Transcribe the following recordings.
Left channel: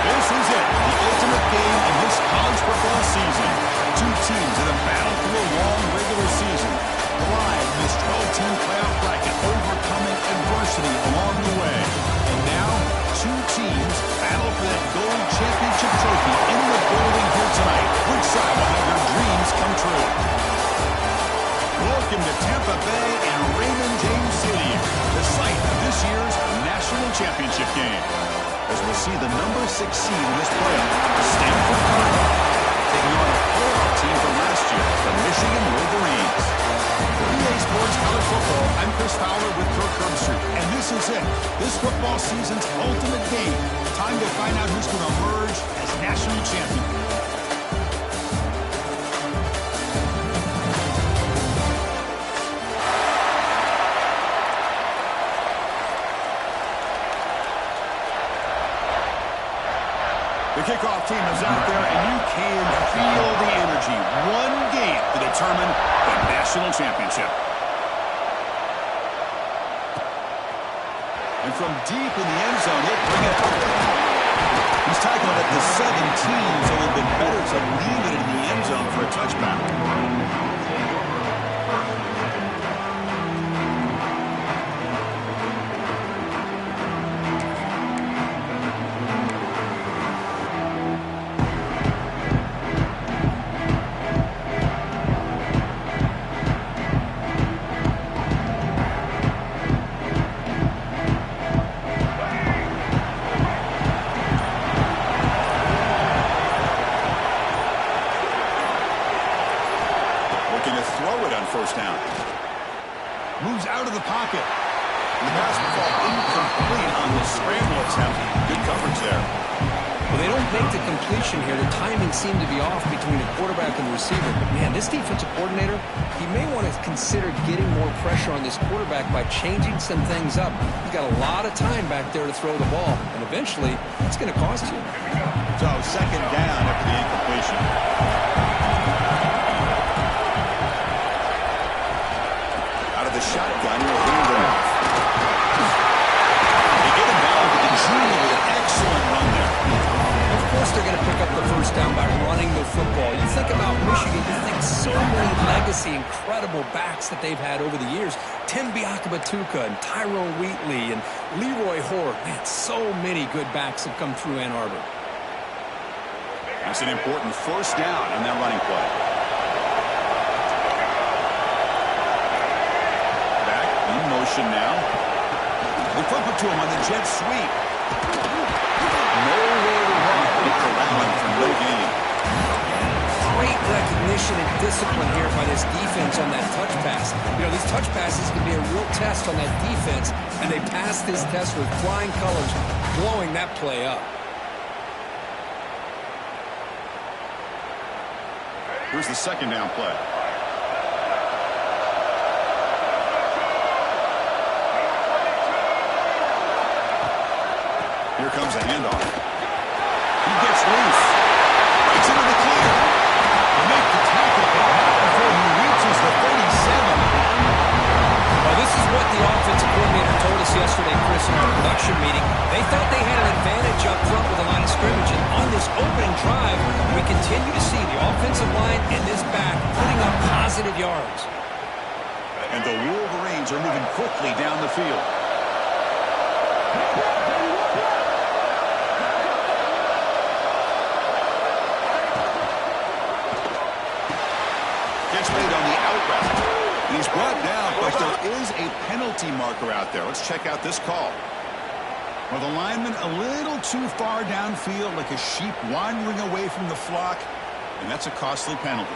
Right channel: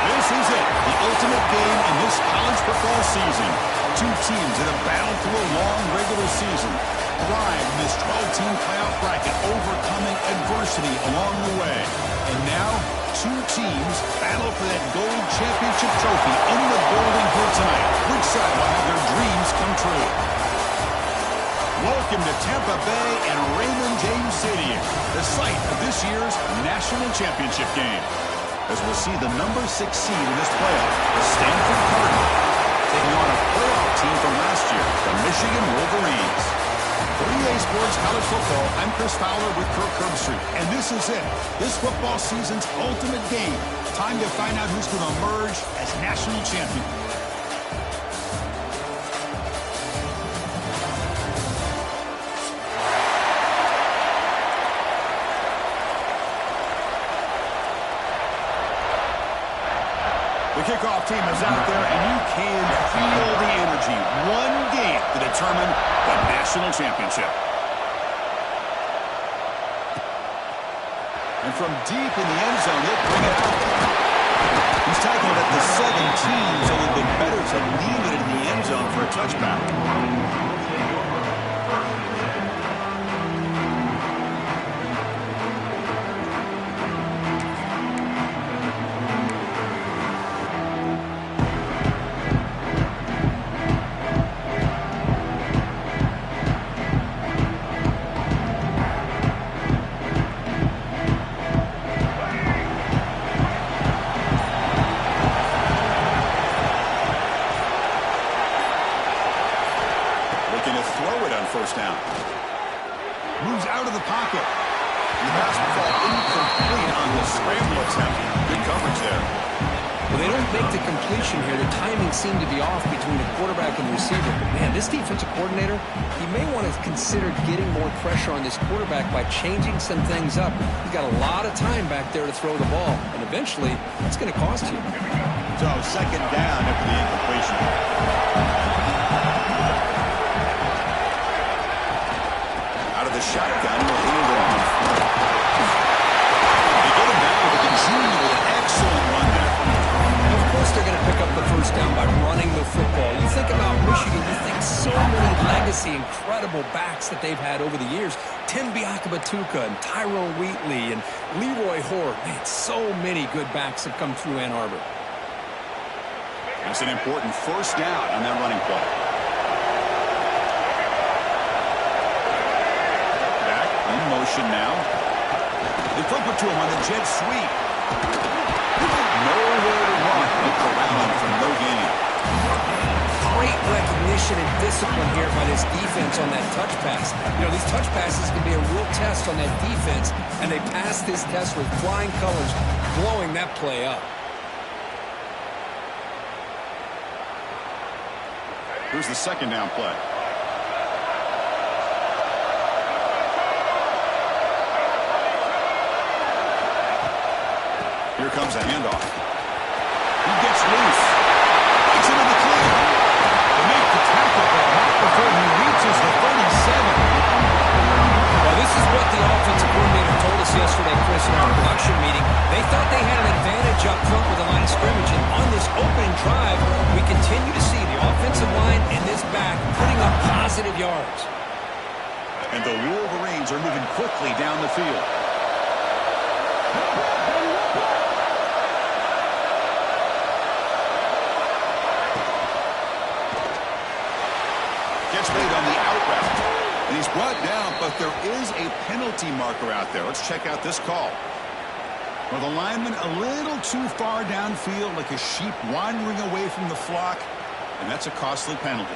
This is it, the ultimate game in this college football season. Two teams that have battled through a long regular season, thrived in this 12-team playoff bracket, overcoming adversity along the way. And now, two teams battle for that gold championship trophy in the building here tonight. Which side will have their dreams come true? Welcome to Tampa Bay and Raymond James Stadium, the site of this year's national championship game. As we'll see the number 6 seed in this playoff, the Stanford Cardinals, taking on a playoff team from last year, the Michigan Wolverines. For EA Sports College Football, I'm Chris Fowler with Kirk Herbstreit, and this is it, this football season's ultimate game. Time to find out who's going to emerge as national champion. The kickoff team is out there, and you can feel the energy. One game to determine the national championship. And from deep in the end zone, he'll bring it out. He's tackled at the 17, so it would have been better to leave it in the end zone for a touchback. Looking to throw it on first down. Moves out of the pocket. The pass will fall incomplete on the scramble attempt. Good coverage there. Well, they don't make the completion here. The timing seemed to be off between the quarterback and the receiver. But, man, this defensive coordinator, he may want to consider getting more pressure on this quarterback by changing some things up. He's got a lot of time back there to throw the ball, and eventually that's going to cost you. So, second down after the incompletion. Out of the shotgun, he'll hand it off. They get him down with the junior with an excellent run there. Of course they're going to pick up the first down by running the football. You think about Michigan, you think so many legacy, incredible backs that they've had over the years. Tim Biakabatuka and Tyrone Wheatley and Leroy Hoare. Man, so many good backs have come through Ann Arbor. That's an important first down on that running play. In motion now. They flip it to him on the jet sweep. Nowhere to run. They corral him for no gain. Great recognition and discipline here by this defense on that touch pass. You know, these touch passes can be a real test on that defense, and they passed this test with flying colors, blowing that play up. Here's the second down play. Here comes a handoff. He gets loose. Breaks into the clear. They make the tackle, but not before he reaches the 37. Well, this is what the offensive coordinator told us yesterday, Chris, in our production meeting. They thought they had an advantage up front with the line of scrimmage, and on this opening drive, we continue to see the offensive line and this back putting up positive yards. And the Wolverines are moving quickly down the field. Gets made on the out route. And he's brought down, but there is a penalty marker out there. Let's check out this call. Well, the lineman a little too far downfield, like a sheep wandering away from the flock, and that's a costly penalty.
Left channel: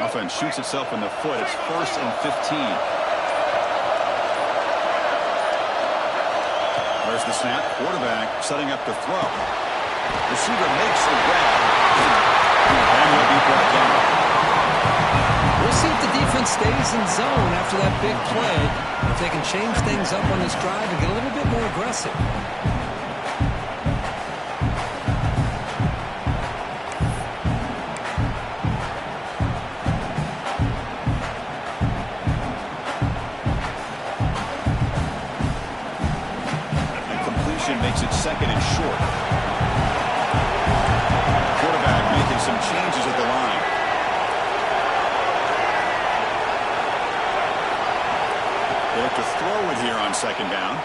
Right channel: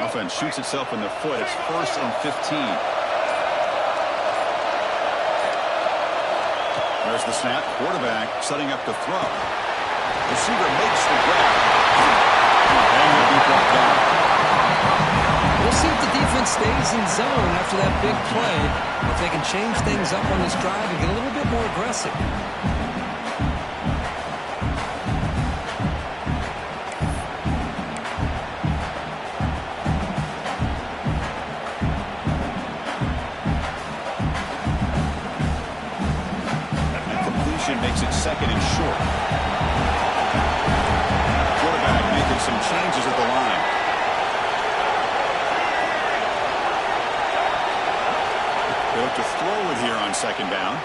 Offense shoots itself in the foot. It's 1st and 15. There's the snap. Quarterback setting up to throw. Receiver makes the grab. And he'll be brought down. We'll see if the defense stays in zone after that big play. If they can change things up on this drive and get a little bit more aggressive. Makes it 2nd and short. Quarterback making some changes at the line. They look to throw it here on 2nd down.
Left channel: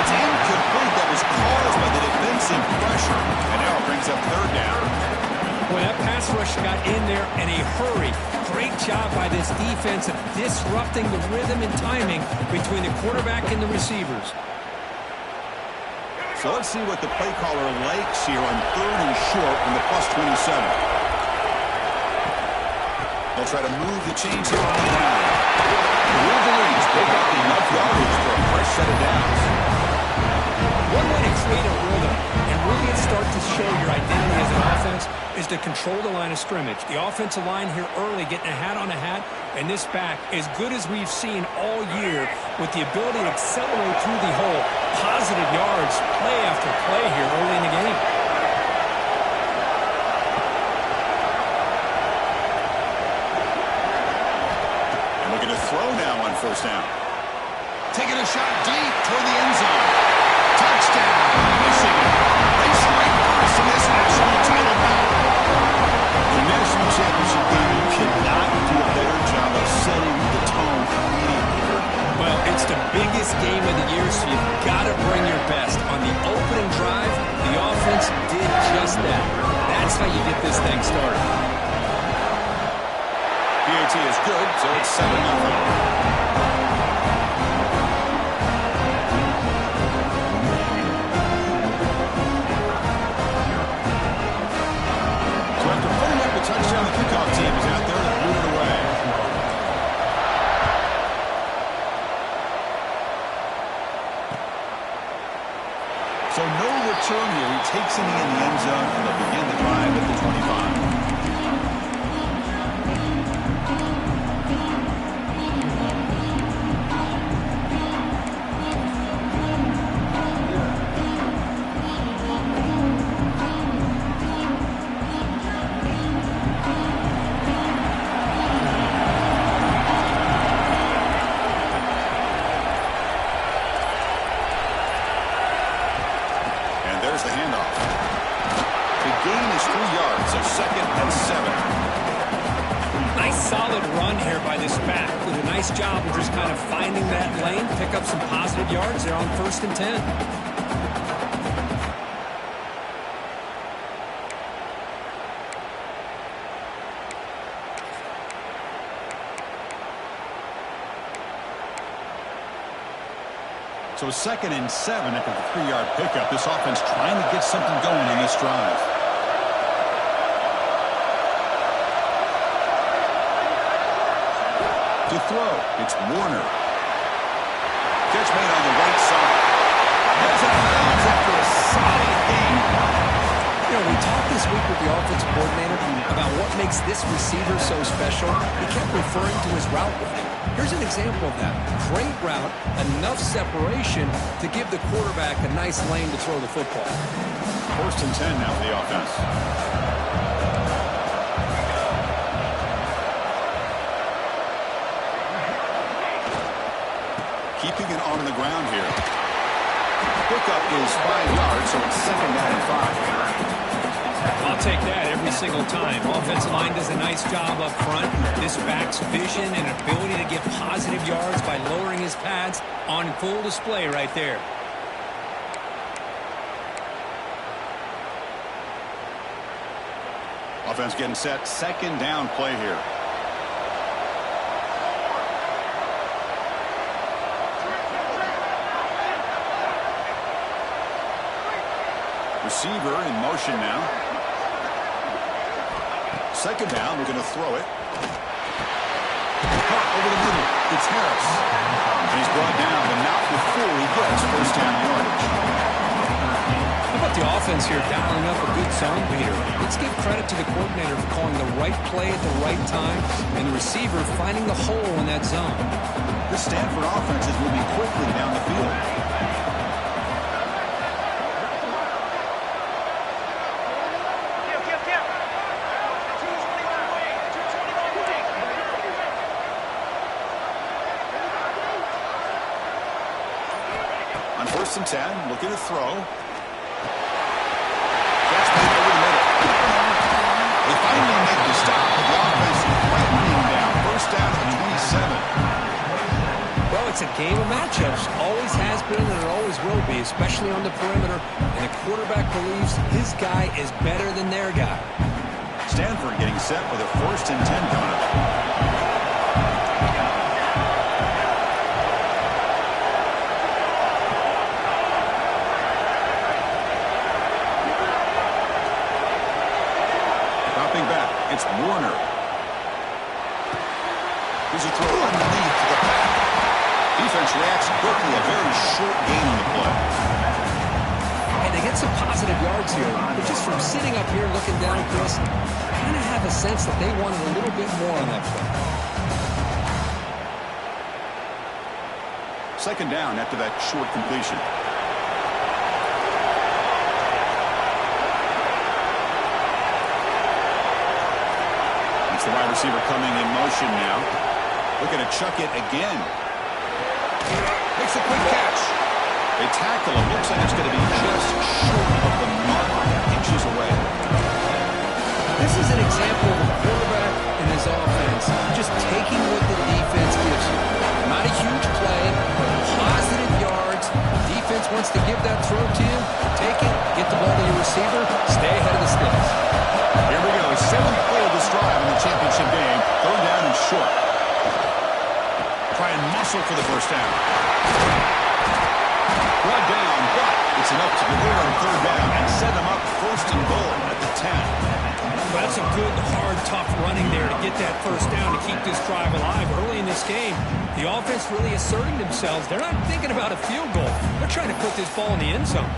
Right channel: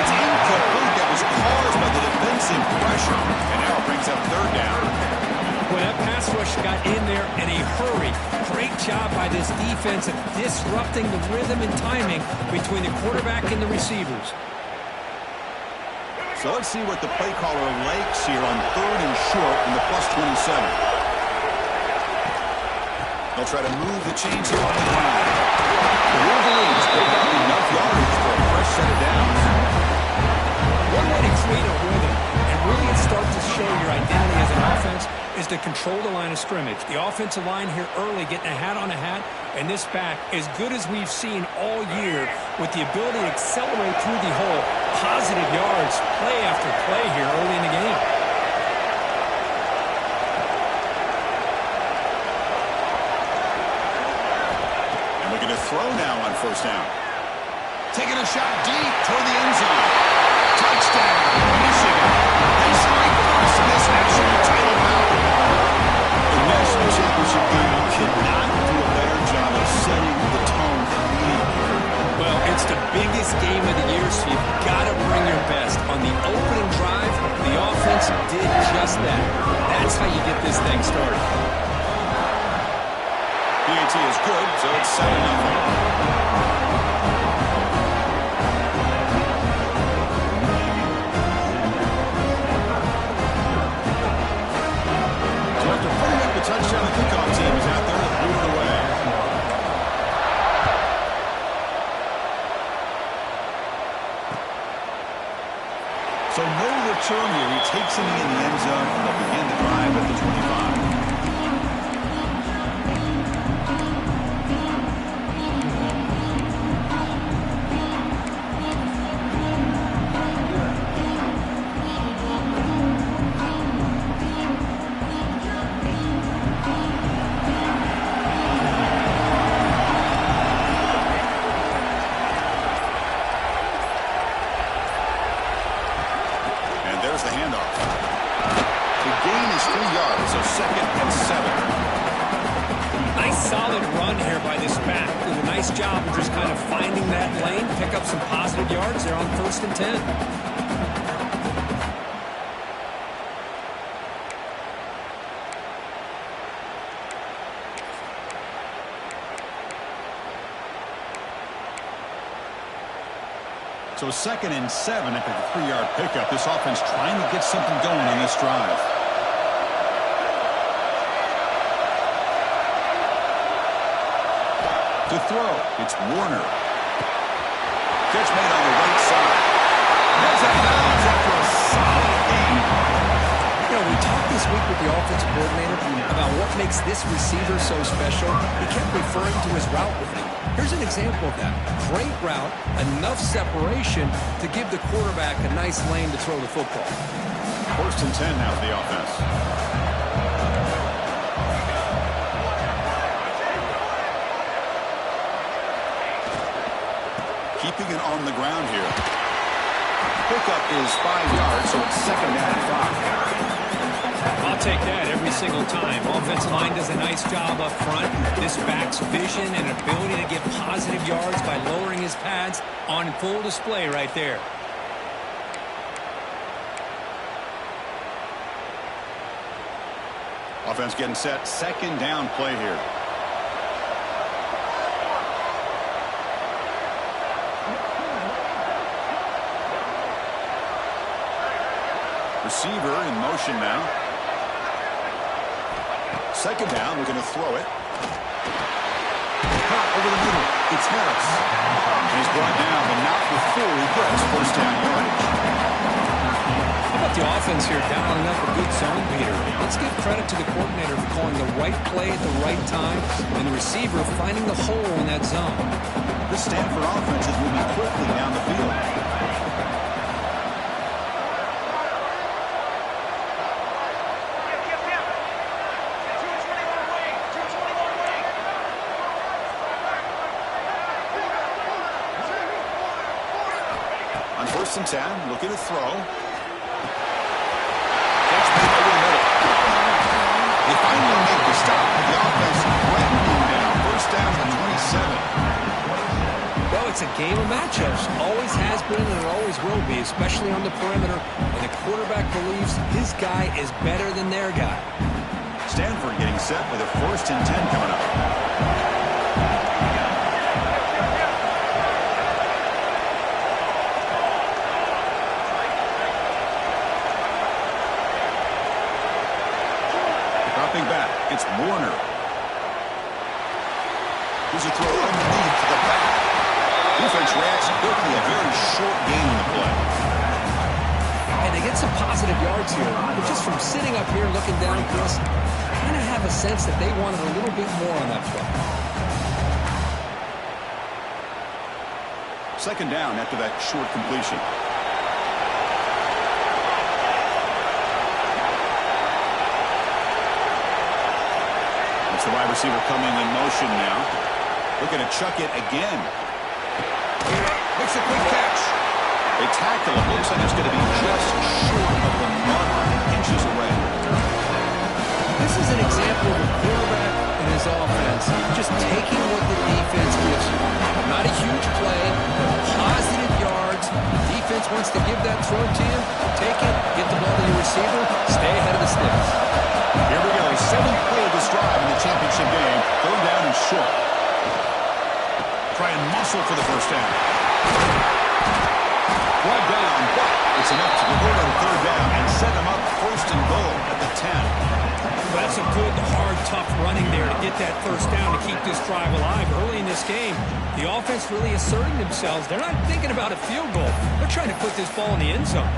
It's incomplete. That was caused by the defensive pressure. And now it brings up 3rd down. When that pass rush got in there in a hurry, great job by this defense of disrupting the rhythm and timing between the quarterback and the receivers. So let's see what the play caller likes here on 3rd and short from the +27. They'll try to move the chains here on the ground. The Wolverines pick up enough yardage for a fresh set of downs. One way to create a rhythm and really start to show your identity as an offense is to control the line of scrimmage. The offensive line here early getting a hat on a hat, and this back as good as we've seen all year with the ability to accelerate through the hole. Positive yards, play after play here early in the game. And looking to throw now on 1st down. Taking a shot deep toward the end zone. Touchdown, Michigan. They strike first in this national title bout. The national championship game, you cannot do a better job of setting the tone immediately. Well, it's the biggest game of the year, so you've got to bring your best. On the opening drive, the offense did just that. That's how you get this thing started. PAT is good, so it's 7-0. So after putting up the touchdown, the kickoff team is out there to boot it away. So no return here. He takes it in the end zone, and they'll begin the drive at the 25. There's the handoff. The gain is 3 yards, so 2nd and 7. Nice solid run here by this back. Did a nice job of just kind of finding that lane, pick up some positive yards there on 1st and 10. So 2nd and 7 after the 3-yard pickup. This offense trying to get something going in this drive. To throw, it's Warner. Catch made on the right side. Gets out of bounds after a solid gain. You know, we talked this week with the offensive coordinator about what makes this receiver so special. He kept referring to his route running. Here's an example of that. Great route, enough separation to give the quarterback a nice lane to throw the football. 1st and 10 now for the offense. keeping it on the ground here. Pickup is 5 yards, so it's 2nd down and 5. I'll take that every single time. Offensive line does a nice job up front. This back's vision and ability to get positive yards by lowering his pads on full display right there. Offense getting set. 2nd down play here. Receiver in motion now. 2nd down. We're going to throw it. Cut over the middle. It's Harris. And he's brought down, but not before he gets 1st down yardage. How about the offense here dialing up a good zone beater? Let's give credit to the coordinator for calling the right play at the right time and the receiver finding the hole in that zone. This Stanford offense is moving quickly down the field. On 1st and 10, looking to throw. Catch made over the middle. They finally make the stop, but the offense threatening down. 1st down to the 27. Well, it's a game of matchups. Always has been and it always will be, especially on the perimeter. And the quarterback believes his guy is better than their guy. Stanford getting set with a 1st and 10 coming up. Dropping back, it's Warner. Here's a throw underneath to the back. Defense reacts quickly, a very short gain on the play. And they get some positive yards here. But just from sitting up here looking down, Chris, I kind of have a sense that they wanted a little bit more on that play. 2nd down after that short completion. It's the wide receiver coming in motion now. Looking to chuck it again. Makes a quick catch. They tackle him. Looks like it's going to be just short of the mark, inches away. This is an example of a quarterback and his offense just taking what the defense gives you. Not a huge play, but positive yards. The defense wants to give that throw to you. Take it, get the ball to your receiver, stay ahead of the sticks. Here we go. 7th play of this drive in the championship game. 3rd down and short. Try and muscle for the 1st down. Brought down, but it's enough to convert on 3rd down and set them up 1st and goal at the 10. Well, that's a good, hard, tough running there to get that 1st down to keep this drive alive. Early in this game, the offense really asserting themselves. They're not thinking about a field goal. They're trying to put this ball in the end zone.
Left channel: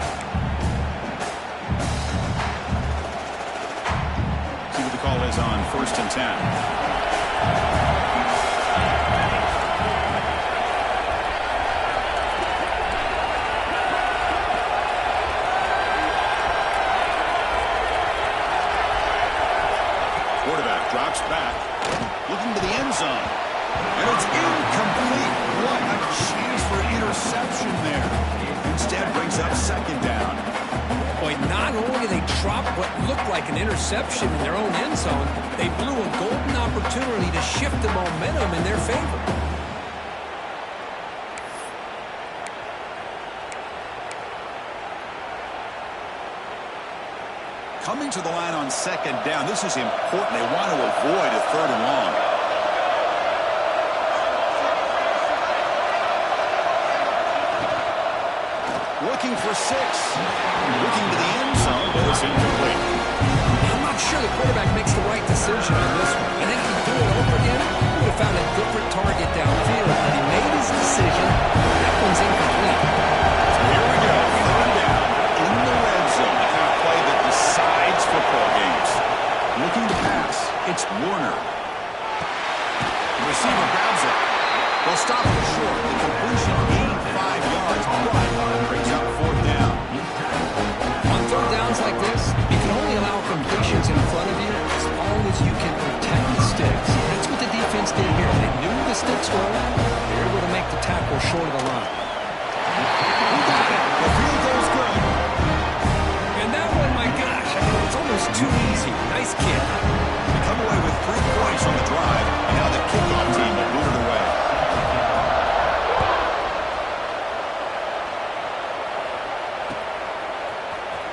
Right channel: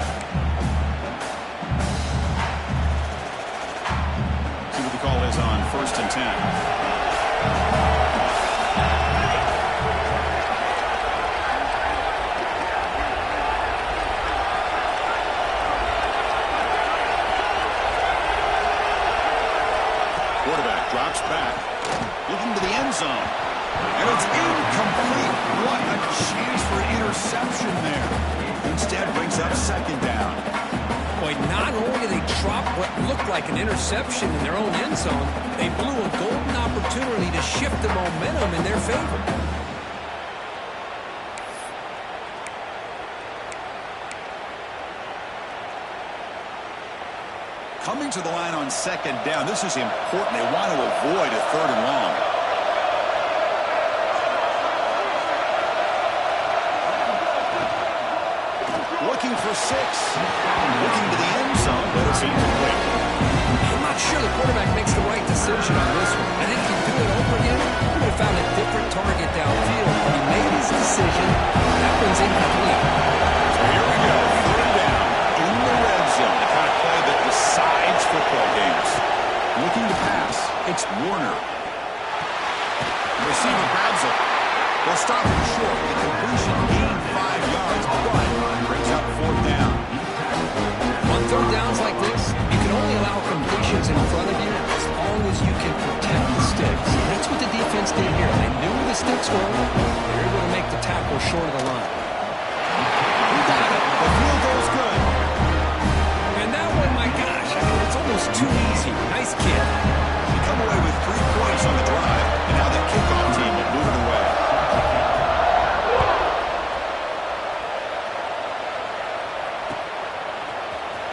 See what the call is on 1st and 10. Quarterback drops back, looking to the end zone. And it's incomplete. What a chance for an interception there. Instead brings up 2nd down. Boy, not only did they drop what looked like an interception in their own end zone, they blew a golden opportunity to shift the momentum in their favor. Coming to the line on 2nd down. This is important. They want to avoid a 3rd and long. Looking for 6. Looking to the end zone, but it's incomplete. I'm not sure the quarterback makes the right decision on this one. I think if he'd do it over again, he would have found a different target downfield, but he made his decision. That one's incomplete. So here we go. 3rd down in the red zone. The kind of play that decides football games. Looking to pass. It's Warner. The receiver grabs it. They'll stop him short. The completion gained 5 yards, but brings up 4th down. On 3rd downs like this, You can only allow completions in front of you as long as you can protect the sticks. That's what the defense did here. They knew the sticks were. They were able to make the tackle short of the line. He got it. The field goal's good. And that one, my gosh, I mean, it's almost too easy. Nice kick. They come away with 3 points on the drive, and now the kickoff team will boot it away.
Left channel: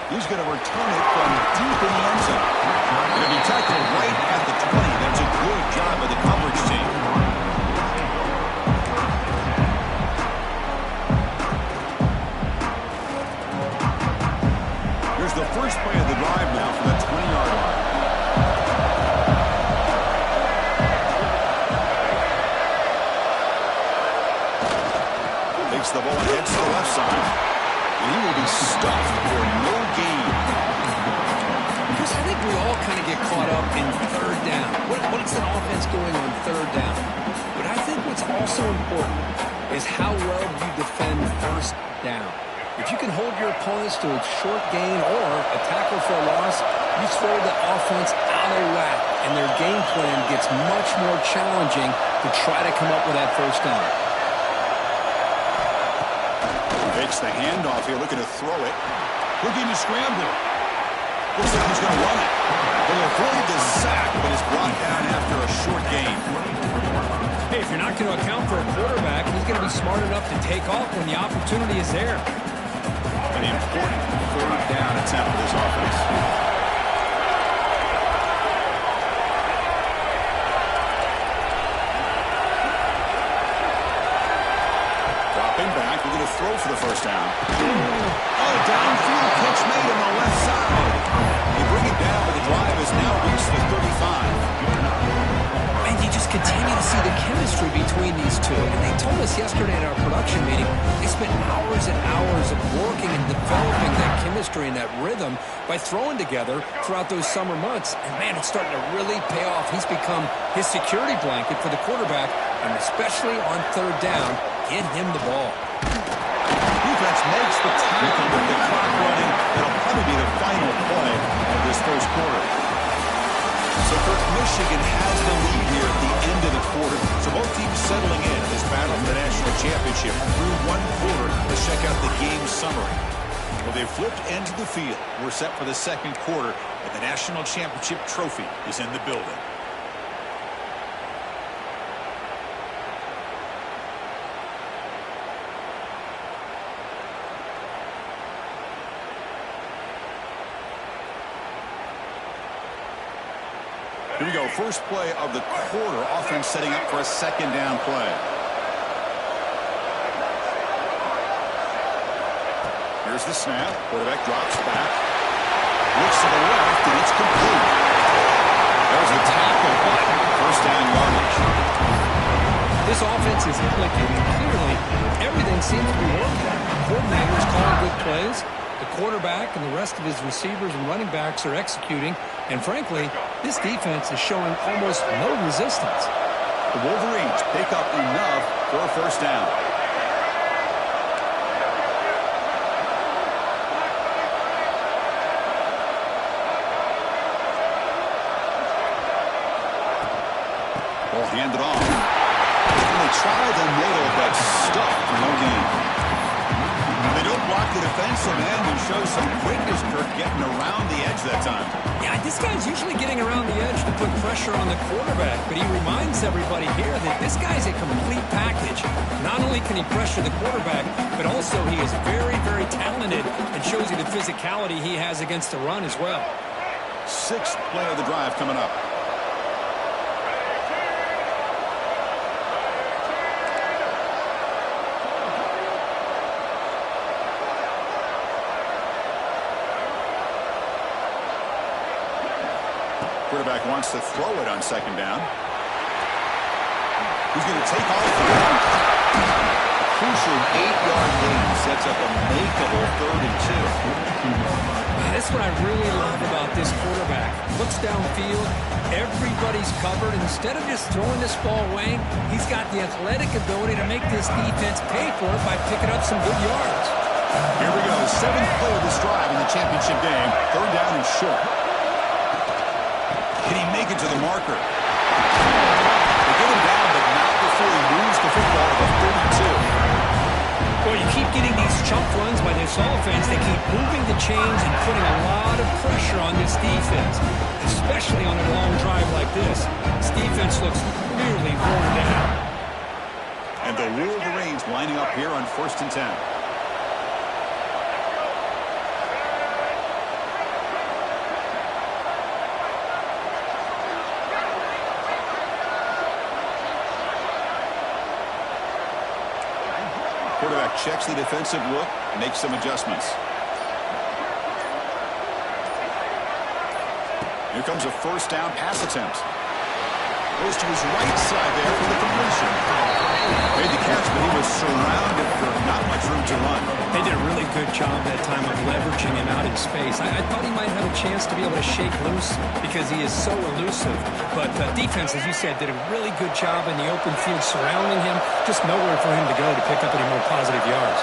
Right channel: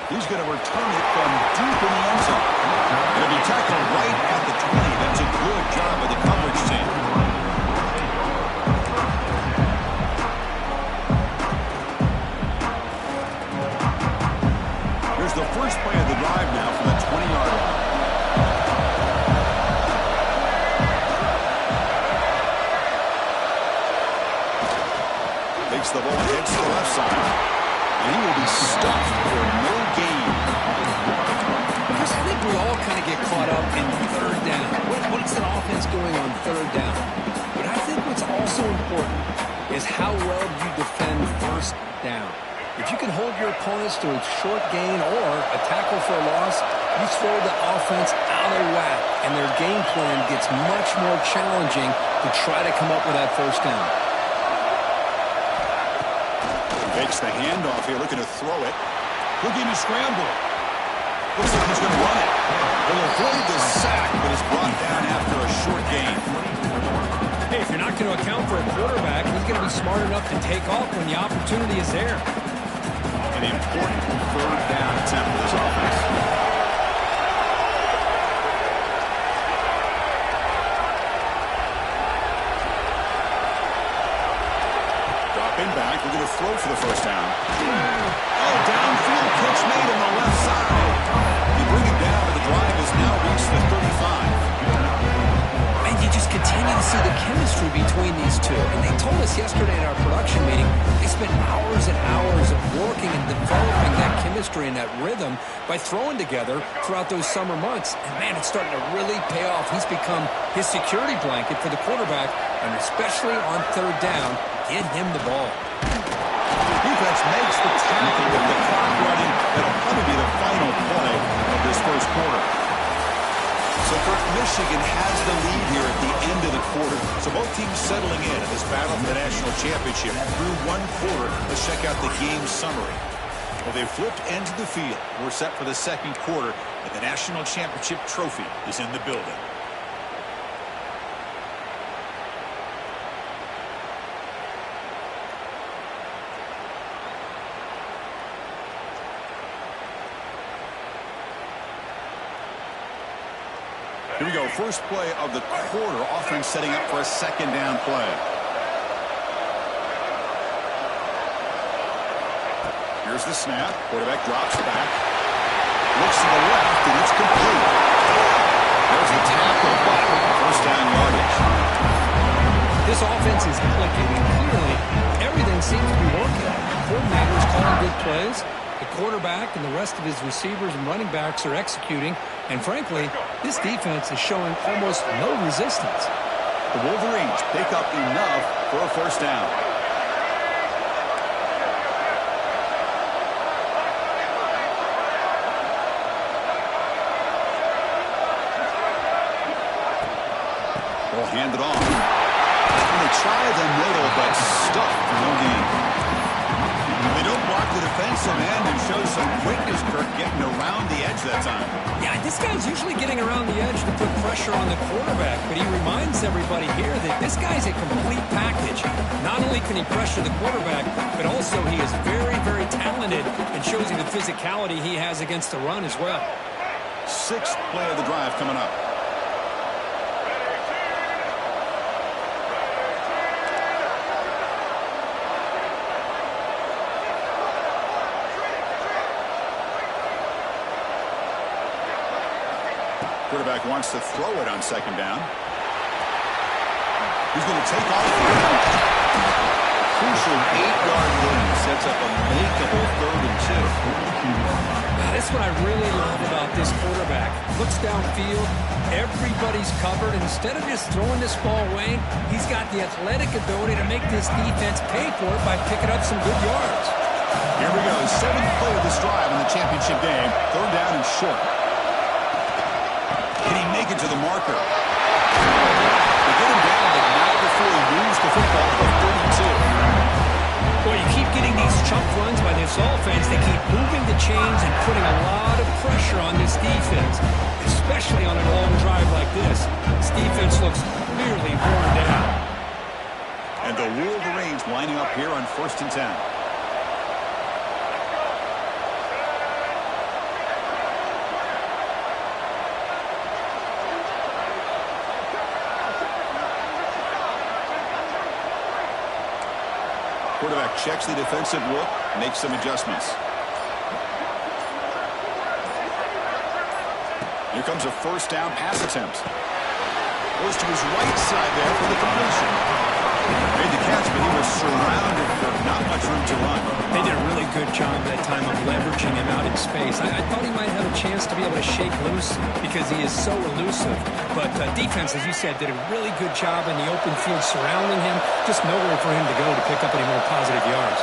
He's going to return it from deep in the end zone. Going to be tackled right at the 20. That's a good job of the coverage team. Here's the first play of the drive now from the 20-yard line. Takes the ball and hits the left side. And he will be stuffed for no gain. Chris, I think we all kind of get caught up in third down. What's an offense doing on third down? But I think what's also important is how well you defend first down. If you can hold your opponents to a short gain or a tackle for a loss, you throw the offense out of whack, and their game plan gets much more challenging to try to come up with that first down. Takes the handoff here, looking to throw it. Looking to scramble. Looks like he's going to run it. He'll avoid the sack, but is brought down after a short gain. Hey, if you're not going to account for a quarterback, he's going to be smart enough to take off when the opportunity is there. An important third down attempt for this offense. Dropping back, we're going to throw for the first down. Oh, downfield pitch made on the left side. You bring it down, but the drive has now reached the 35. And you just continue to see the chemistry between these two. And they told us yesterday in our production meeting, they spent hours and hours of working and developing that chemistry and that rhythm by throwing together throughout those summer months. And, man, it's starting to really pay off. He's become his security blanket for the quarterback, and especially on third down, get him the ball. Defense makes the tackle with the clock running. That'll probably be the final play of this first quarter. So, Kirk, Michigan has the lead here at the end of the quarter. So both teams settling in this battle for the national championship through one quarter. Let's check out the game summary. Well, they've flipped into the field. We're set for the second quarter, and the national championship trophy is in the building. Here we go. First play of the quarter. Offense setting up for a second down play. Here's the snap. Quarterback drops back. Looks to the left, and it's complete. There's the tackle, but first down yardage. This offense is clicking, and clearly everything seems to be working. The coordinator is calling good plays. The quarterback and the rest of his receivers and running backs are executing. And frankly, this defense is showing almost no resistance. The Wolverines pick up enough for a first down. Ball handed off. And they try the middle, but stuck for no gain. They don't block the defensive end and show some quickness, Kirk, getting around the edge that time. Yeah, this guy's usually getting around the edge to put pressure on the quarterback, but he reminds everybody here that this guy's a complete package. Not only can he pressure the quarterback, but also he is very, very talented and shows you the physicality he has against the run as well. Sixth play of the drive coming up. Quarterback wants to throw it on second down. He's going to take off. A crucial 8-yard gain sets up a makeable 3rd and 2. That's what I really love about this quarterback. Looks downfield. Everybody's covered. Instead of just throwing this ball away, he's got the athletic ability to make this defense pay for it by picking up some good yards. Here we go. 7th play of this drive in the championship game. 3rd down and short. Can he make it to the marker? They get him down, but not before he moves the football to the 32. Well, you keep getting these chunk runs by this offense. They keep moving the chains and putting a lot of pressure on this defense, especially on a long drive like this. This defense looks clearly worn down. And the Wolverines lining up here on 1st and 10. Quarterback checks the defensive look, makes some adjustments. Here comes a 1st down pass attempt. Goes to his right side there for the completion. Made the catch, but he was surrounded for not much room to run. They did a really good job that time of leveraging him out in space. I thought he might have a chance to be able to shake loose because he is so elusive. But defense, as you said, did a really good job in the open field surrounding him. Just nowhere for him to go to pick up any more positive yards.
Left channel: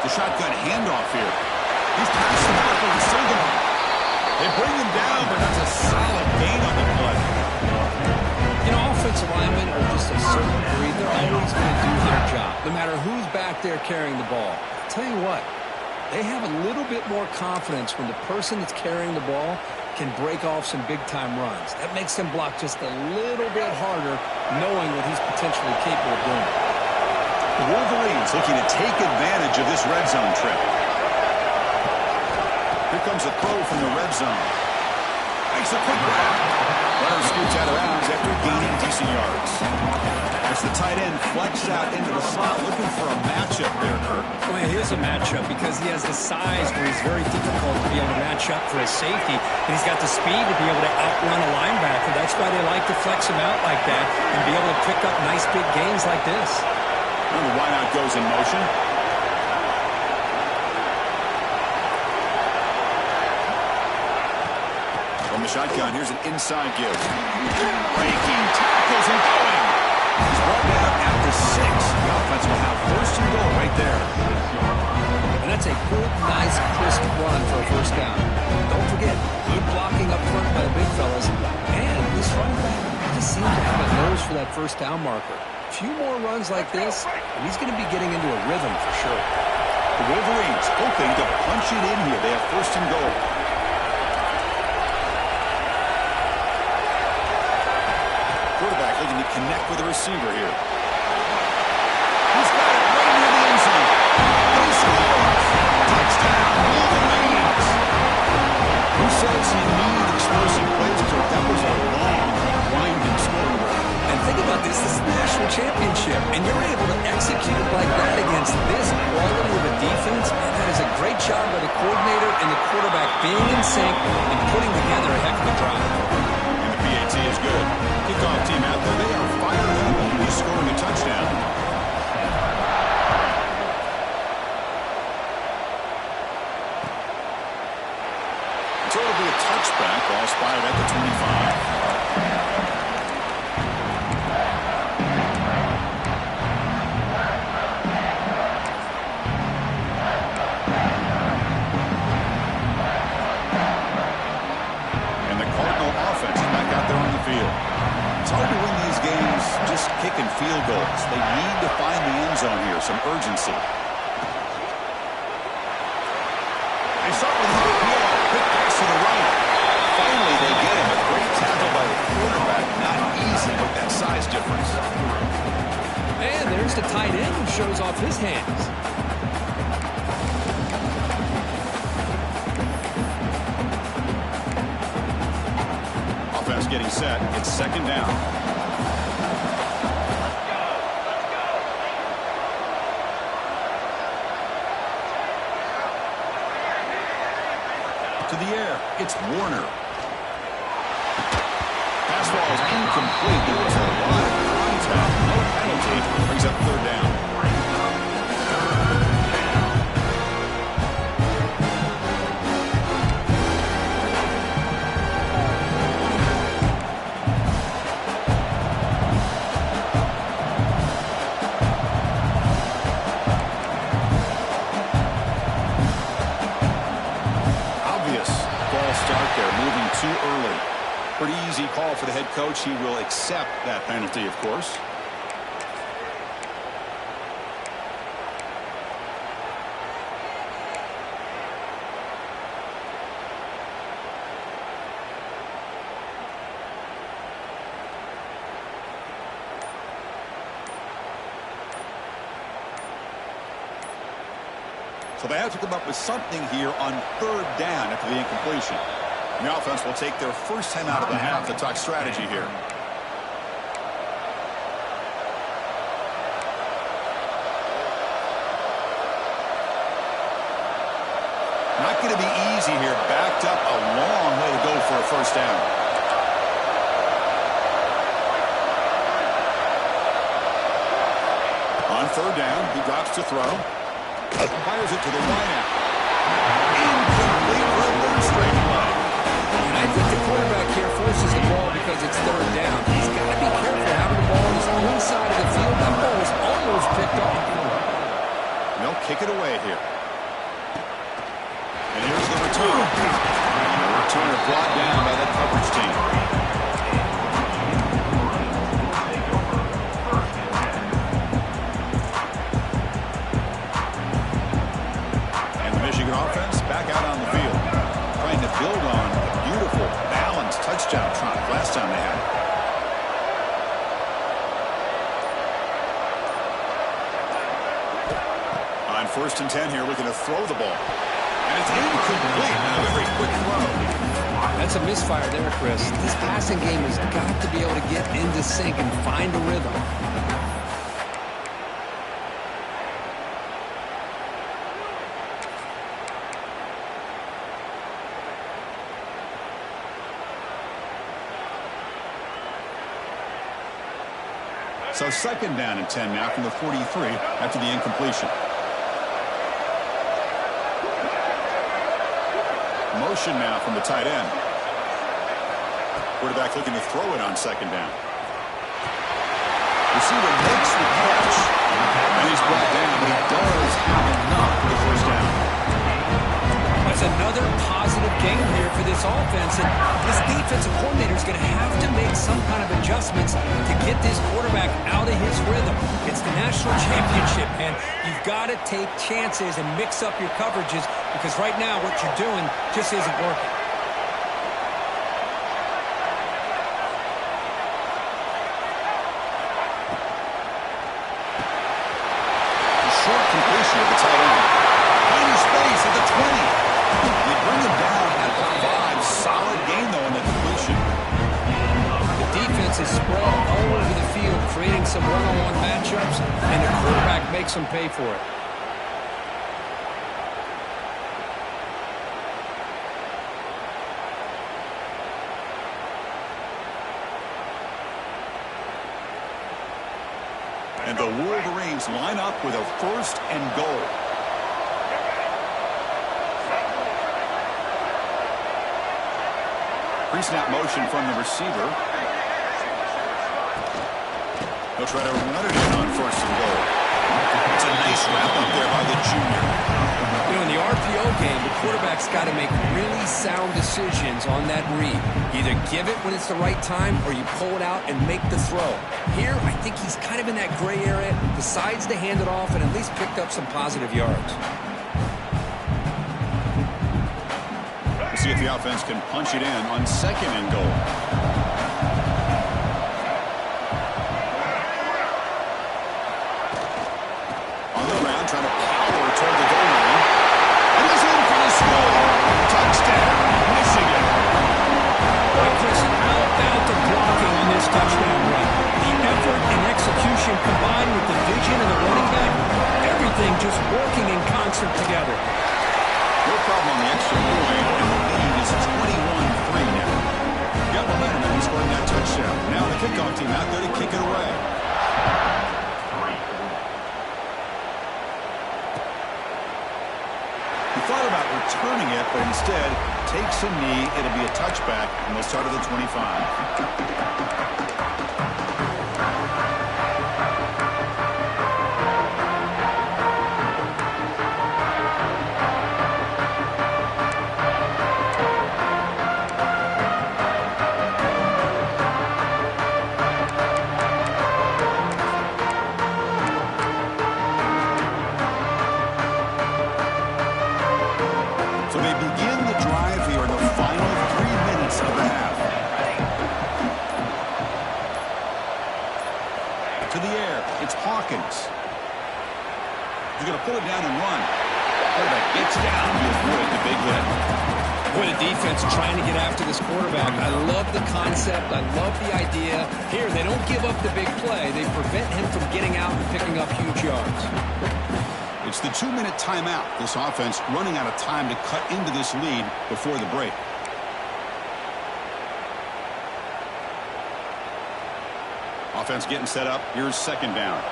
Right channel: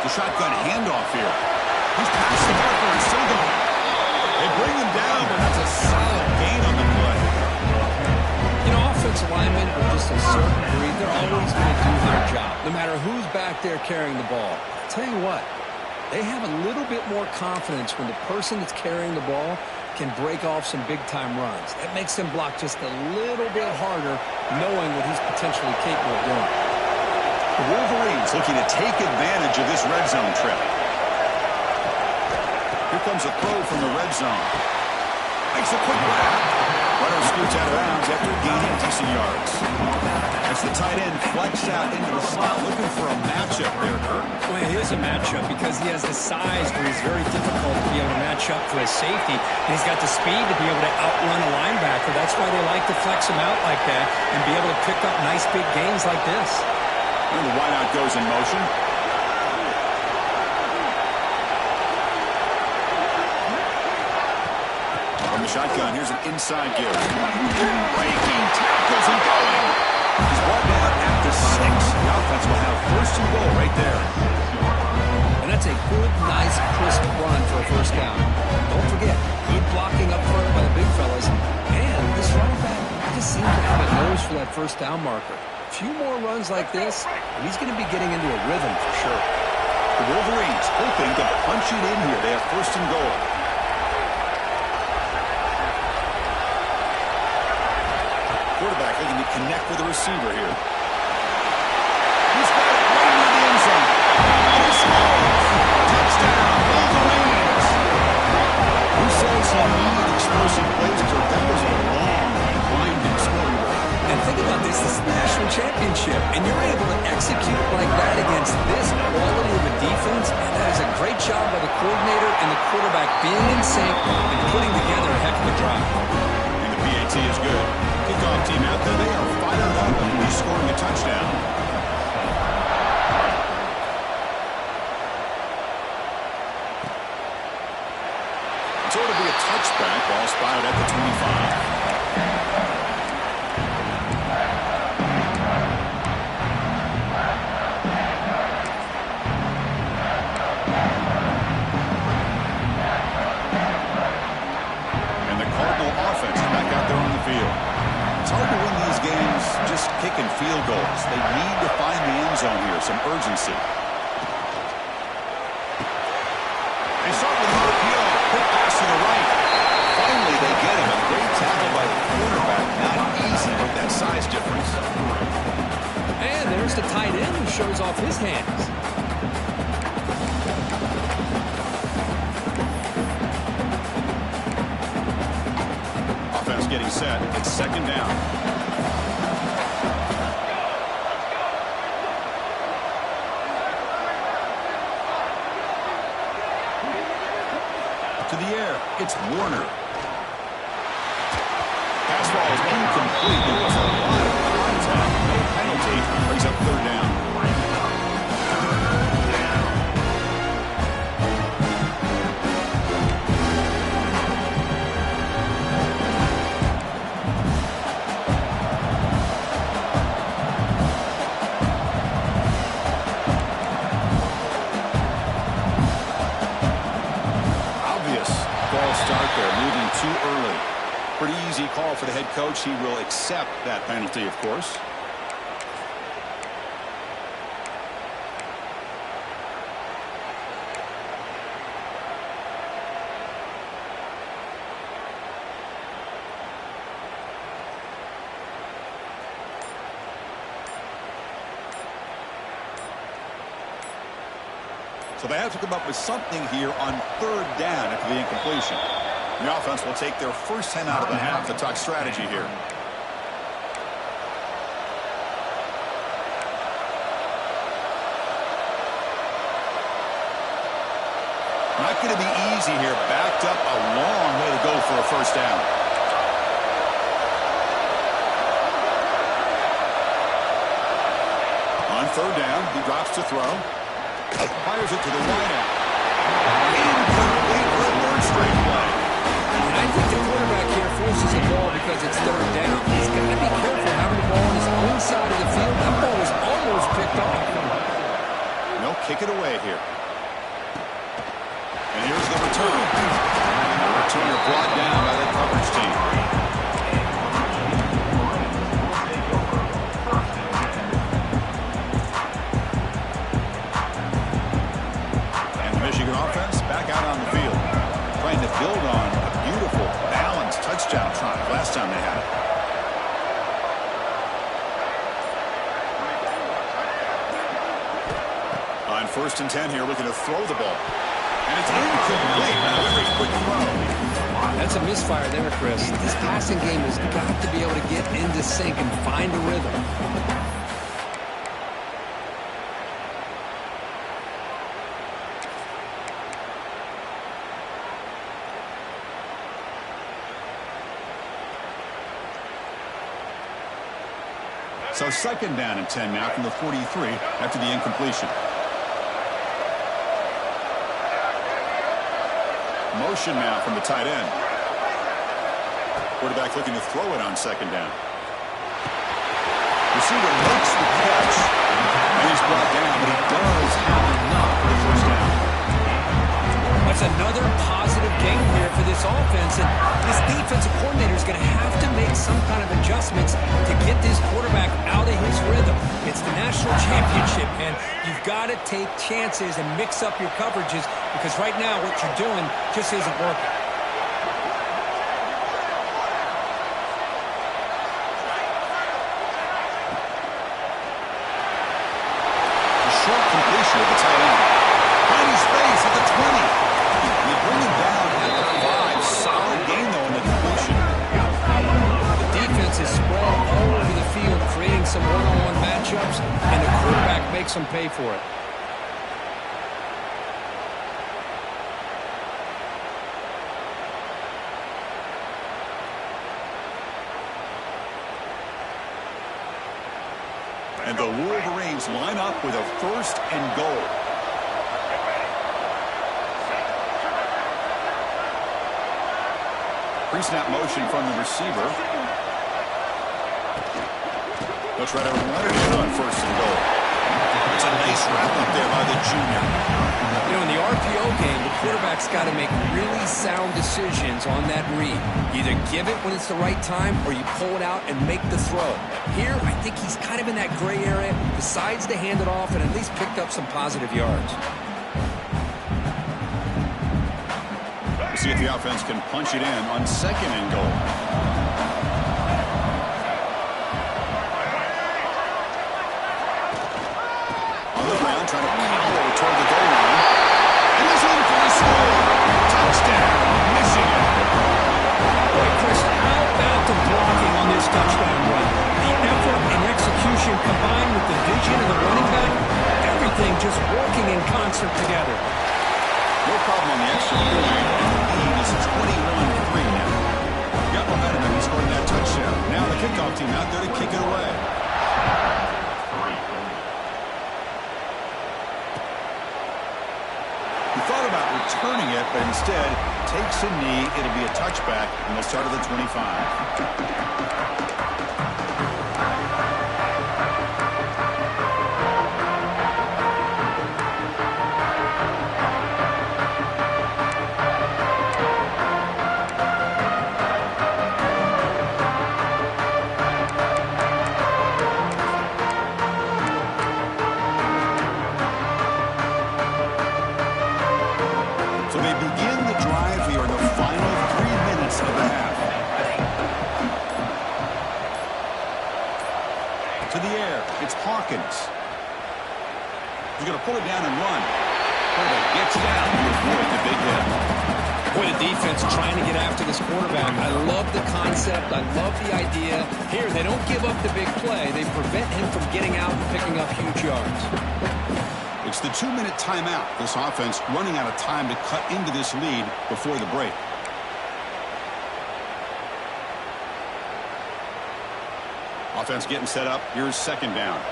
The shotgun handoff here. He's past the marker and still going. They bring him down, but that's a solid gain on the play. You know, offensive linemen are just a certain breed. They're always going to do their job, no matter who's back there carrying the ball. I'll tell you what, they have a little bit more confidence when the person that's carrying the ball can break off some big-time runs. That makes them block just a little bit harder, knowing what he's potentially capable of doing. The Wolverines looking to take advantage of this red zone trip. Here comes a throw from the red zone. Makes a quick grab. Runner scoots out of bounds after gaining decent yards. As the tight end flexed out into the slot, looking for a matchup there, Kirk. Well, it is a matchup because he has the size where he's very difficult to be able to match up for his safety. And he's got the speed to be able to outrun a linebacker. That's why they like to flex him out like that and be able to pick up nice big gains like this. And the wideout goes in motion. From the shotgun, here's an inside give. Breaking tackles and going. He's brought down at the 6. The offense will have 1st and goal right there. And that's a good, nice, crisp run for a 1st down. Don't forget, good blocking up front by the big fellas. And this running back just seems to have a nose for that 1st down marker. A few more runs like this, and he's going to be getting into a rhythm for sure. The Wolverines hoping to punch it in here. They have 1st and goal. Quarterback looking to connect with the receiver here. He's got it right near the end zone. And he scores! Touchdown, Wolverines! Who says he needed explosive plays? Because that was a long, winding scoring run. And think about this is the national championship, and you're able to execute it like that against this quality of a defense, and that is a great job by the coordinator and the quarterback being in sync and putting together a heck of a drive. And the PAT is good. Kickoff team out there, they are fired up. He's scoring a touchdown. So it'll be a touchback. Ball spotted at the 25. It's hard to win these games just kicking field goals. They need to find the end zone here, some urgency. They start with an RPO. Quick pass to the right. Finally, they get him. A great tackle by the quarterback. Not easy with that size difference. And there's the tight end who shows off his hands. Offense getting set. It's 2nd down. To the air. It's Warner. Pass ball is incomplete. There was a lot of contact. No penalty. Brings up 3rd down. start there, moving too early. Pretty easy call for the head coach. He will accept that penalty, of course. So they have to come up with something here on third down after the incompletion. The offense will take their first time out of the half to talk strategy here. Not going to be easy here. Backed up a long way to go for a first down. On third down, he drops to throw. Fires it to the wideout. Incomplete for a third straight play. And I think the quarterback here forces the ball because it's third down. He's got to be careful having the ball on his own side of the field. That ball was almost picked off. They'll kick it away here. And here's the return. And the returner brought down by that coverage team. Michigan offense back out on the field, trying to build on a beautiful, balanced touchdown drive last time they had it. On 1st and 10 here, looking to throw the ball. And it's incomplete. A very quick throw. That's a misfire there, Chris. This passing game has got to be able to get into sync and find a rhythm. So 2nd down and 10 now from the 43 after the incompletion. Motion now from the tight end. Quarterback looking to throw it on 2nd down. Receiver makes the catch, and he's brought down, but he does have enough for the first down. That's another positive game here for this offense, and this defensive coordinator is going to have to make some kind of adjustments to get this quarterback out of his rhythm. It's the national championship, and you've got to take chances and mix up your coverages because right now what you're doing just isn't working. Short completion of the tight end. Finding space at the 20. You bring him down at the 5. Solid gain, though, in the completion. The defense is spread all over the field, creating some one-on-one matchups, and the quarterback makes them pay for it. And the Wolverines line up with a 1st and goal. Pre-snap motion from the receiver. They'll try to run it in on 1st and goal. It's a nice wrap-up there by the junior. You know, in the RPO game, the quarterback's got to make really sound decisions on that read. Either give it when it's the right time or you pull it out and make the throw. Here, I think he's kind of in that gray area, decides to hand it off and at least picked up some positive yards. We'll see if the offense can punch it in on 2nd and goal. On the ground, trying to power toward the goal line. And he's in for the score. Touchdown, Michigan. Boy, Chris, how about the blocking on this touchdown run? The effort and execution combined with the vision of the running back, everything just working in concert together. No problem on the extra point, and the lead is 21-3 now. Got momentum, and he scored that touchdown. Now the kickoff team out there to kick it away. He thought about returning it, but instead takes a knee. It'll be a touchback, and they'll start at the 25. begin the drive here in the final 3 minutes of the half. To the air, it's Hawkins. He's going to pull it down and run. Quarterback gets down to avoid the big hit. Boy, the defense trying to get after this quarterback. I love the concept. I love the idea. Here, they don't give up the big play. They prevent him from getting out and picking up huge yards. It's the 2-minute timeout. This offense running out of time to cut into this lead before the break. Offense getting set up. Here's second down.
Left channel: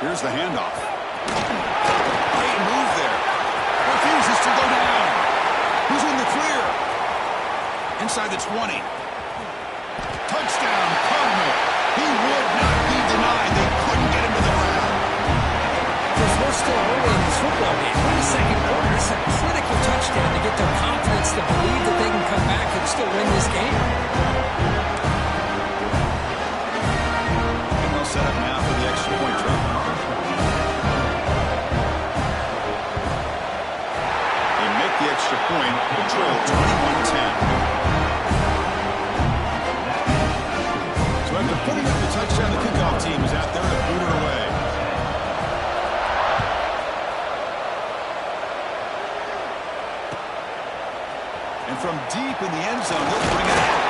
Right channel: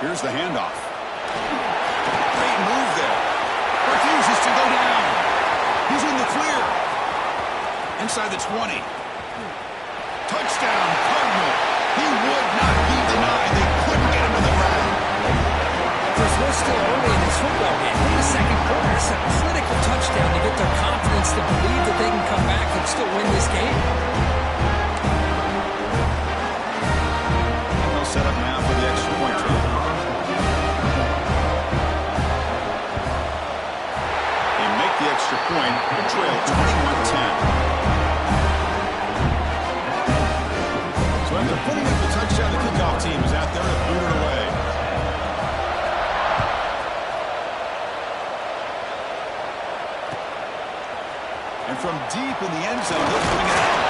Here's the handoff. Great move there. Refuses to go down. He's in the clear. Inside the 20. Touchdown, Cardinal. He would not be denied. They couldn't get him to the ground. Chris, we're still early in this football game. We're in the second quarter. It's a critical touchdown to get their confidence to believe that they can come back and still win this game. And they'll set up now for the extra point try. The extra point, the trail 21-10. So after putting up the touchdown, the kickoff team is out there to boot it away. And from deep in the end zone, they'll bring it out.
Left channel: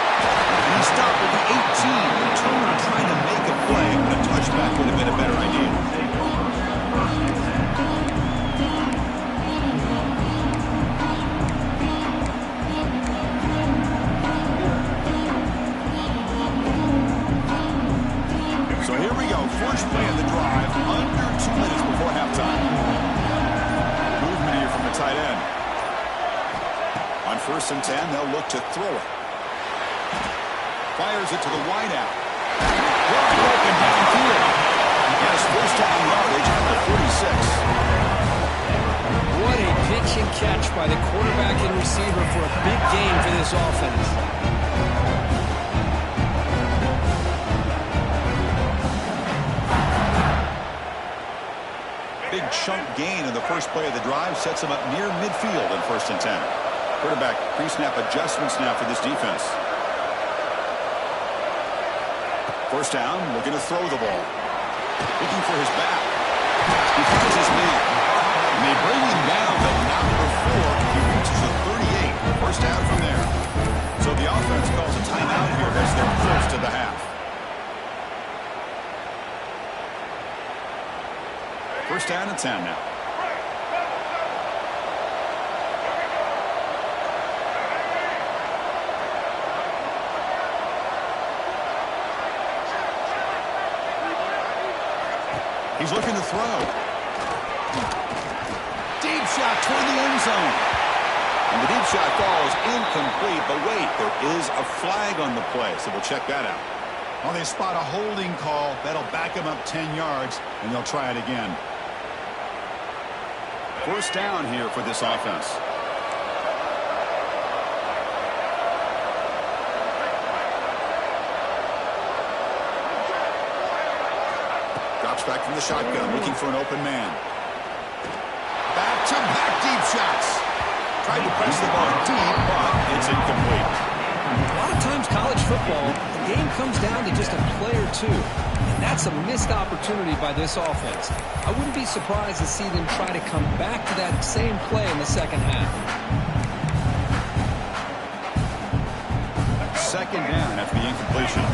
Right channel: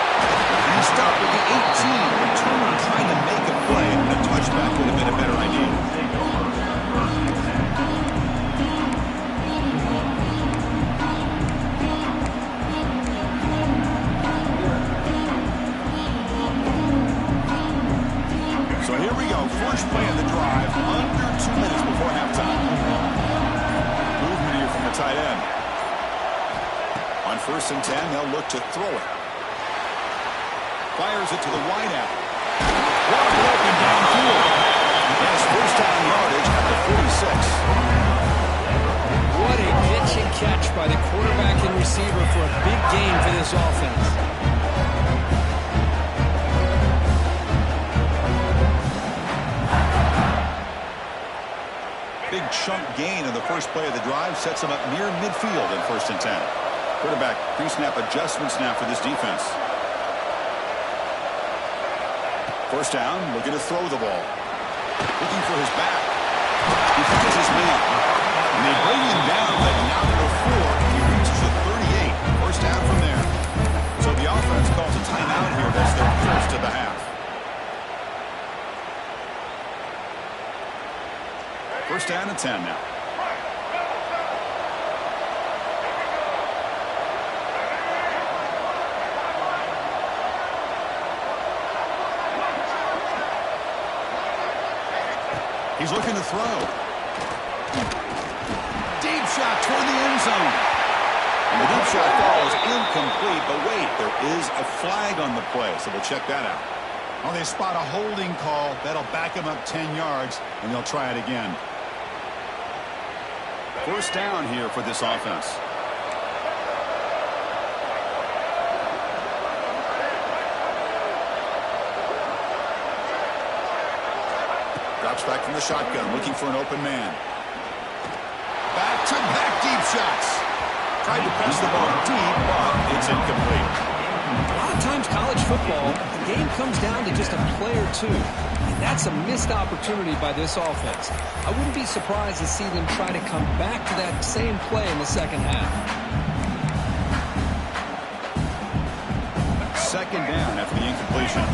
And he stopped at the 18. Returner trying to make a play, but a touchback would have been a better idea. So here we go, first play of the drive, under 2 minutes before halftime. Movement here from the tight end. On 1st and 10, they'll look to throw it. Fires it to the wideout. Wide open downfield. Yes, first down yardage at the 46. What a pitch and catch by the quarterback and receiver for a big gain for this offense. Big chunk gain in the first play of the drive sets him up near midfield in 1st and 10. Quarterback pre-snap adjustments now for this defense. First down, looking to throw the ball. Looking for his back. He finds his man. And they bring him down, but not before he reaches the 38. First down from there. So the offense calls a timeout here. That's their first of the half. First down and 10 now. He's looking to throw. Deep shot toward the end zone. And the deep shot falls incomplete. But wait, there is a flag on the play, so we'll check that out. Well, they spot a holding call. That'll back him up 10 yards, and they'll try it again. First down here for this offense. Drops back from the shotgun, looking for an open man. Back-to-back deep shots. Tried to press the ball deep, but it's incomplete. A lot of times college football, the game comes down to just a play or two. And that's a missed opportunity by this offense. I wouldn't be surprised to see them try to come back to that same play in the second half. Second down after the incompletion.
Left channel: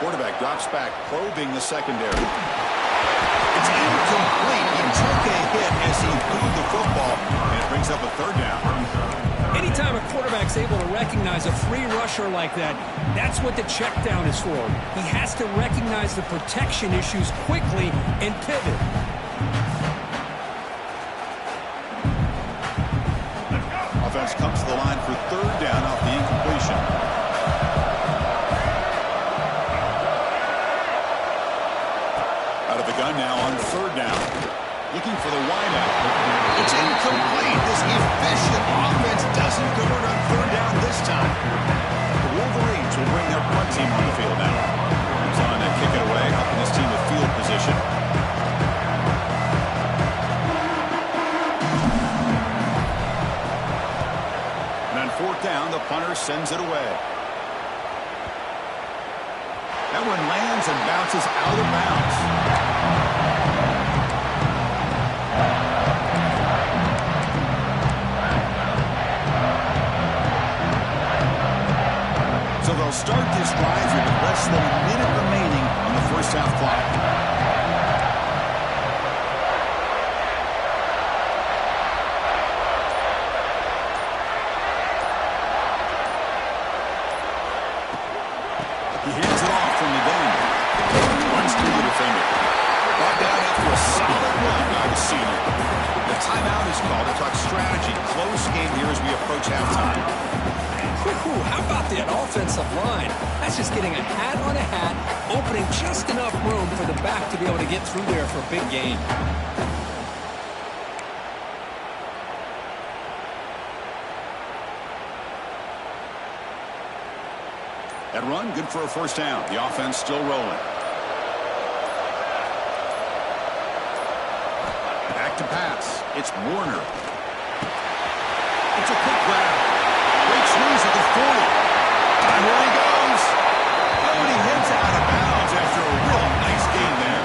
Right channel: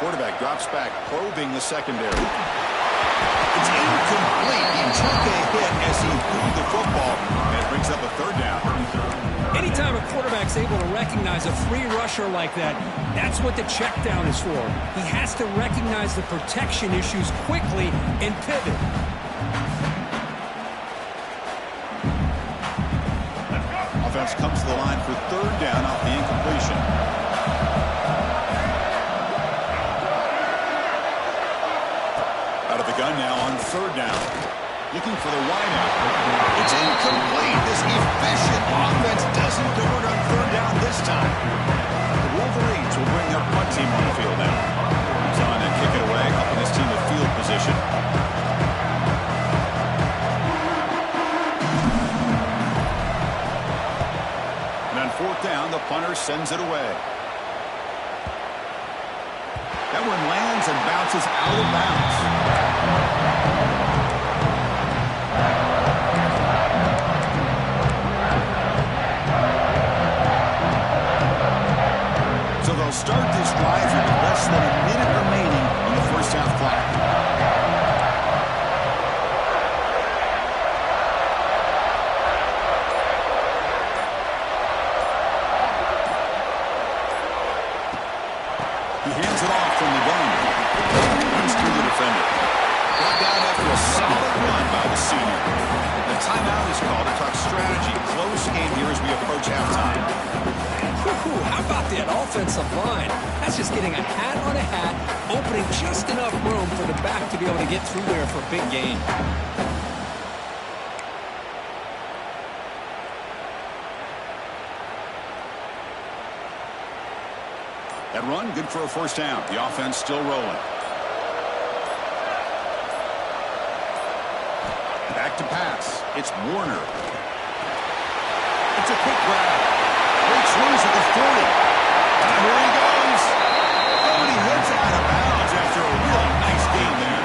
Quarterback drops back, probing the secondary. It's incomplete. He took a hit as he threw the football, and it brings up a third down. Anytime a quarterback's able to recognize a free rusher like that, that's what the check down is for. He has to recognize the protection issues quickly and pivot. Offense comes to the line for third down off the incompletion. Out of the gun now on third down. Looking for the wideout. It's incomplete. This efficient offense doesn't convert on third down this time. The Wolverines will bring their punt team on the field now. He's on to kick it away, helping his team with field position. And on fourth down, the punter sends it away. That one lands and bounces out of bounds. So they'll start this drive here with less than a minute remaining on the first half clock. He hands it off from the gun. Runs through the defender. Brought down after a solid run by the senior. The timeout is called to talk strategy. Close game here as we approach halftime. How about that offensive line? That's just getting a hat on a hat, opening just enough room for the back to be able to get through there for a big gain. That run, good for a first down. The offense still rolling. Back to pass. It's Warner. It's a quick grab. Breaks loose at the 40. And here he goes. Oh, and he hits out of bounds after a really nice gain there.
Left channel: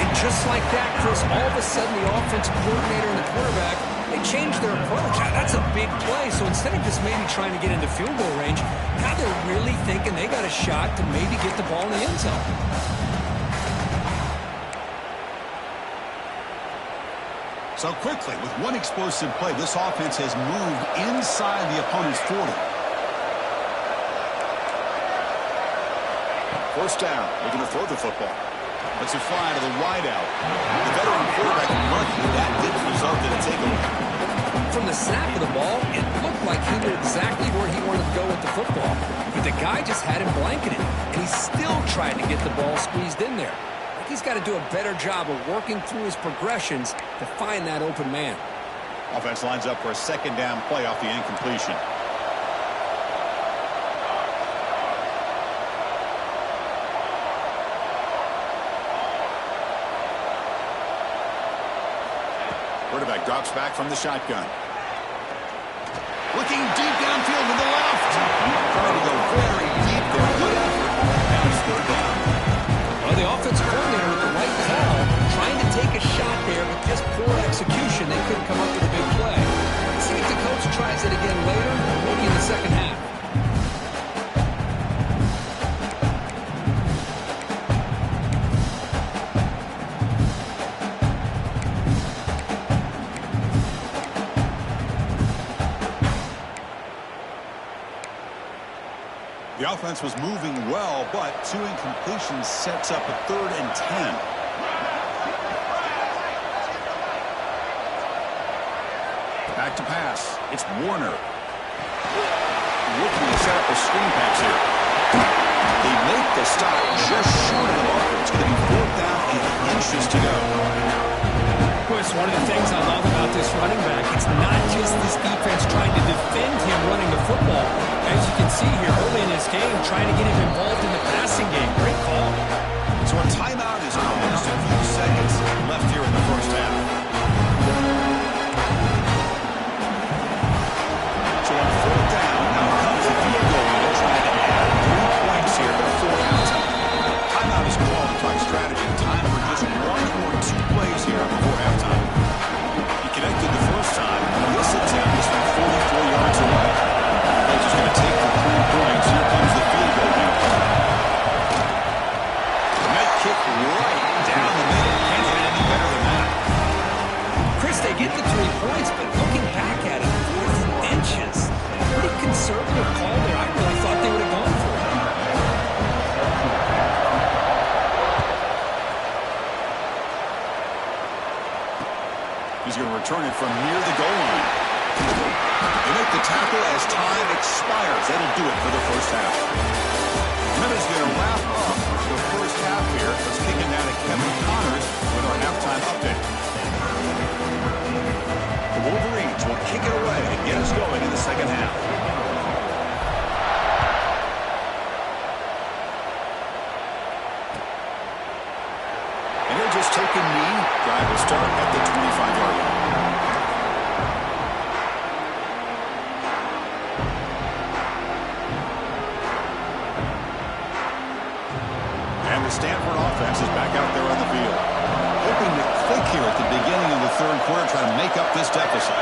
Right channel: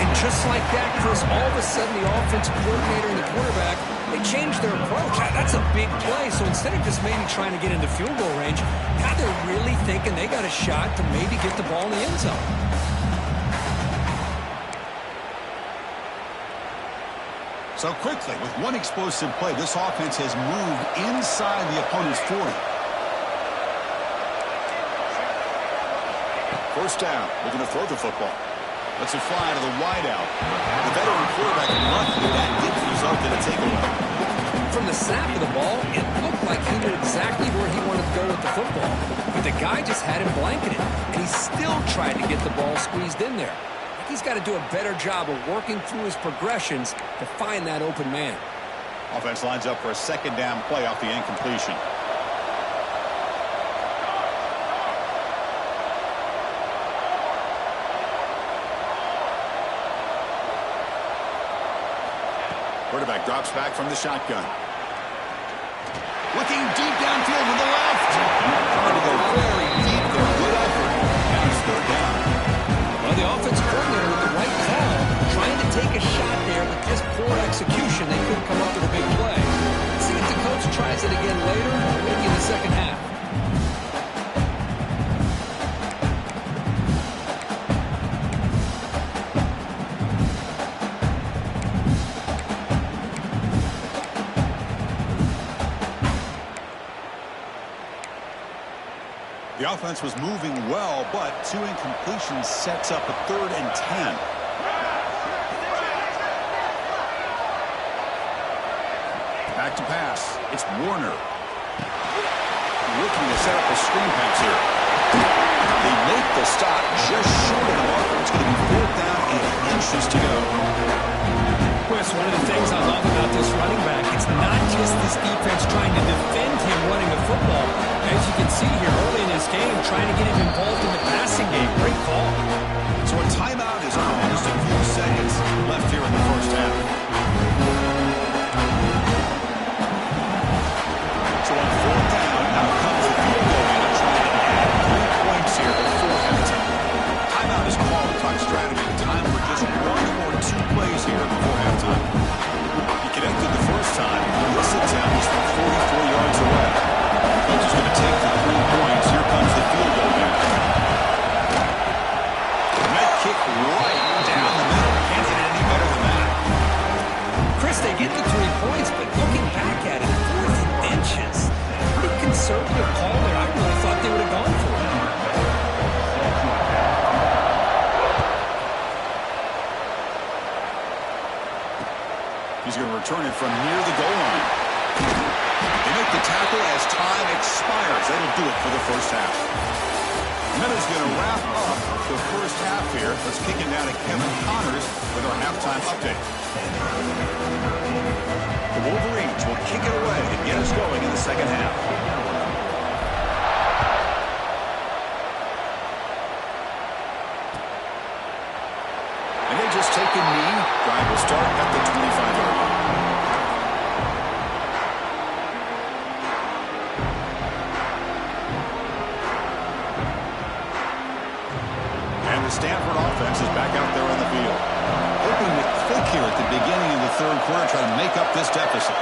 And just like that, Chris, all of a sudden the offensive coordinator and the quarterback, they changed their approach. That's a big play. So instead of just maybe trying to get into field goal range, now they're really thinking they got a shot to maybe get the ball in the end zone. So quickly, with one explosive play, this offense has moved inside the opponent's 40. First down, looking to throw the football. Lets it fly to the wideout. The veteran quarterback lucky that didn't result in a takeaway. From the snap of the ball, it looked like he knew exactly where he wanted to go with the football. But the guy just had him blanketed, and he still tried to get the ball squeezed in there. I think he's got to do a better job of working through his progressions to find that open man. Offense lines up for a second down play off the incompletion. Quarterback drops back from the shotgun. Looking deep downfield to the left. Trying to go very deep there. Good effort. Now it's third down. Well, the offensive coordinator with the right call, trying to take a shot there, but just poor execution. They couldn't come up with a big play. Let's see if the coach tries it again later, or maybe in the second half. The offense was moving well, but two incompletions sets up a 3rd and 10. Back to pass. It's Warner. Looking to set up a screen pass here. They make the stop just short of the marker. It's going to be 4th down and inches to go. Chris, one of the things I love about this running back, it's not just this defense trying to defend him running the football. As you can see here early in this game, trying to get him involved in the passing game. Great call. So a timeout is called. Just a few seconds left here in the first half. So on 4th down, out comes the field goal unit trying to add 3 points here before halftime. Timeout is called to talk strategy. Time for just 1 or 2 plays here before halftime. He connected the first time. This attempt is from 44 yards away. Coach is going to take the 3 points. Here comes the field goal unit. Net kick right down the middle. Can't hit it any better than that. Chris, they get the 3 points, but looking back at it, 4th and inches. Pretty conservative call there. I really thought they would have gone for it. He's going to return it from near the goal line. make the tackle as time expires. That'll do it for the first half. Minute's going to wrap up the first half here. Let's kick it down to Kevin Connors with our halftime update. The Wolverines will kick it away and get us going in the second half. And he'll just take a knee. Drive will start at the 25-yard line. And the Stanford offense is back out there on the field. Hoping to click here at the beginning of the third quarter, try to make up this deficit.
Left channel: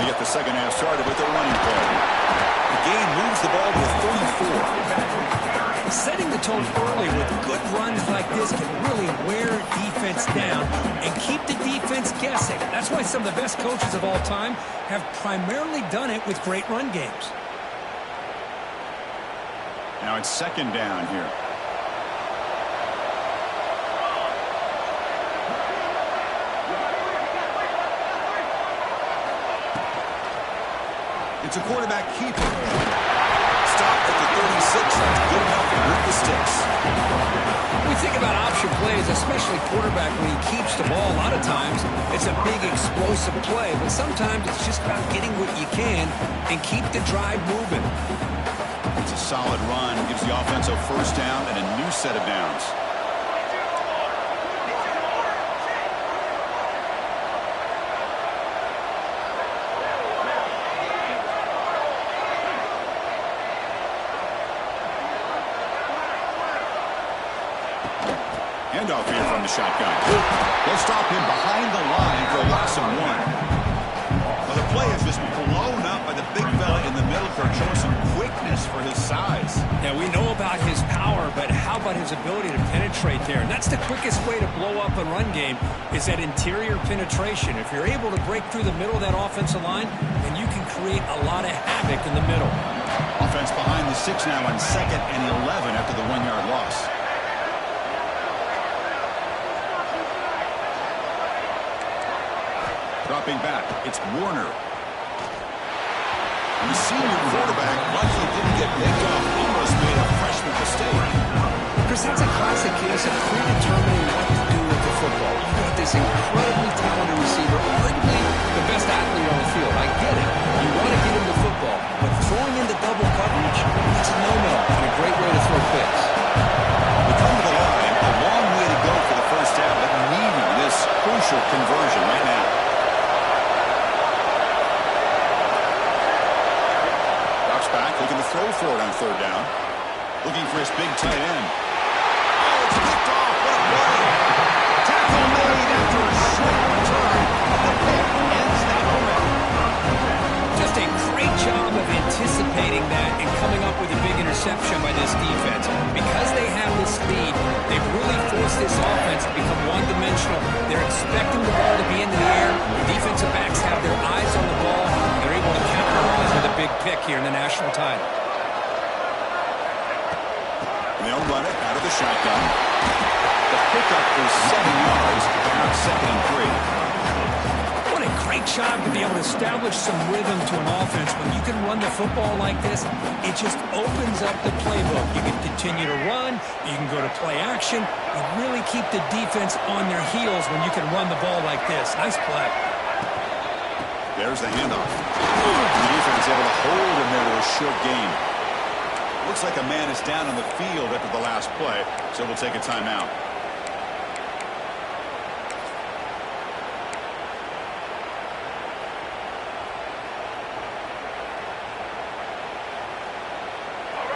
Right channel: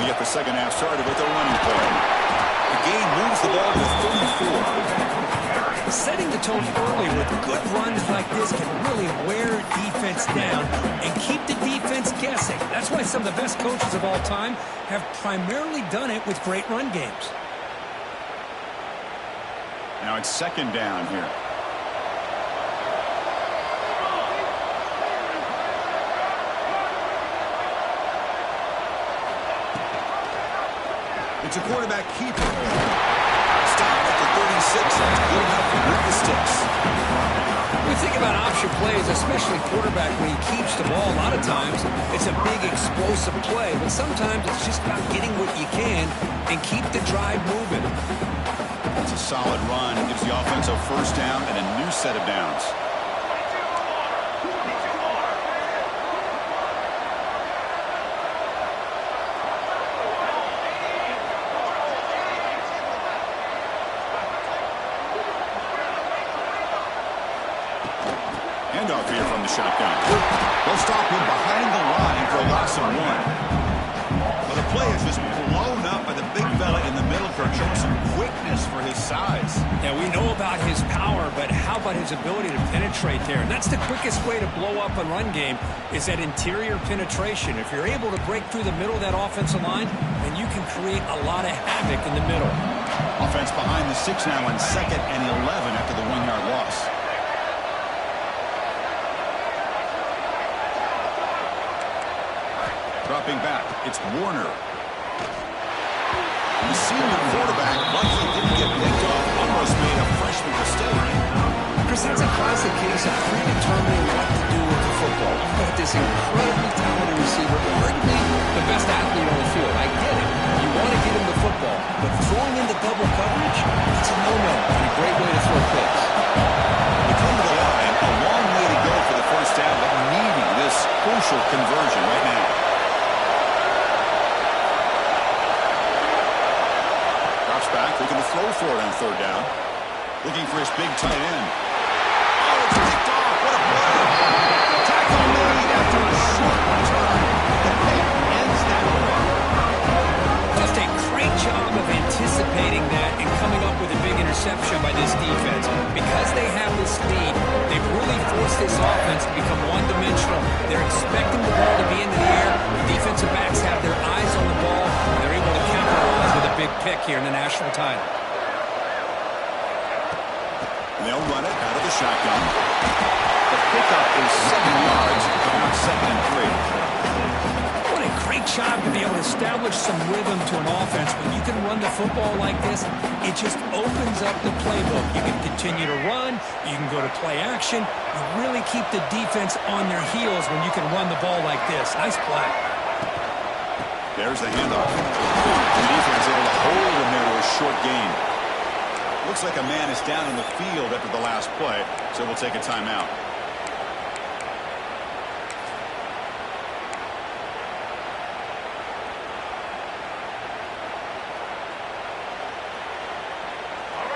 We get the second half started with a running play. The game moves the ball to the 34. Setting the tone early with good runs like this can really wear defense down and keep the defense guessing. That's why some of the best coaches of all time have primarily done it with great run games. Now it's second down here. It's a quarterback keeper. Stop at the 36. That's good enough to move the sticks. We think about option plays, especially quarterback, when he keeps the ball. A lot of times, it's a big explosive play, but sometimes it's just about getting what you can and keep the drive moving. It's a solid run. Gives the offense a first down and a new set of downs. Handoff here from the shotgun. They'll stop him behind the line for a loss of 1. Well, the play is just blown up by the big fella in the middle, showing some quickness for his size. Yeah, we know about his power, but how about his ability to penetrate there? And that's the quickest way to blow up a run game, is that interior penetration. If you're able to break through the middle of that offensive line, then you can create a lot of havoc in the middle. Offense behind the 6 now on 2nd and 11 after the 1-yard loss. Dropping back, it's Warner. The senior quarterback luckily didn't get picked off. Almost made a freshman mistake. Chris, that's a classic case of predetermining what to do with the football. You've got this incredibly talented receiver, arguably the best athlete on the field. I get it. You want to get him the football, but throwing into double coverage, that's a no-no and a great way to throw picks. We come to the line, a long way to go for the first down, but needing this crucial conversion right now. Back, looking to throw for it on 3rd down. Looking for his big tight end. Oh, it's picked off. What a play. Tackle made after a short return, but the pick ends that threat. Just a great job of anticipating that and coming up with a big interception by this defense. Because they have this lead, they've really forced this offense to become one-dimensional. They're expecting the ball to be into the air. The defensive backs have their eyes on the ball, and they're able to capitalize with a big pick here in the national title. They'll run it out of the shotgun. The pickup is 7 yards. Now 2nd and 3. What a great job to be able to establish some rhythm to an offense. When you can run the football like this, it just opens up the playbook. You can continue to run. You can go to play action. You really keep the defense on their heels when you can run the ball like this. Nice play. There's the handoff. The defense able to hold him there to a short gain. Looks like a man is down on the field after the last play, so we'll take a timeout.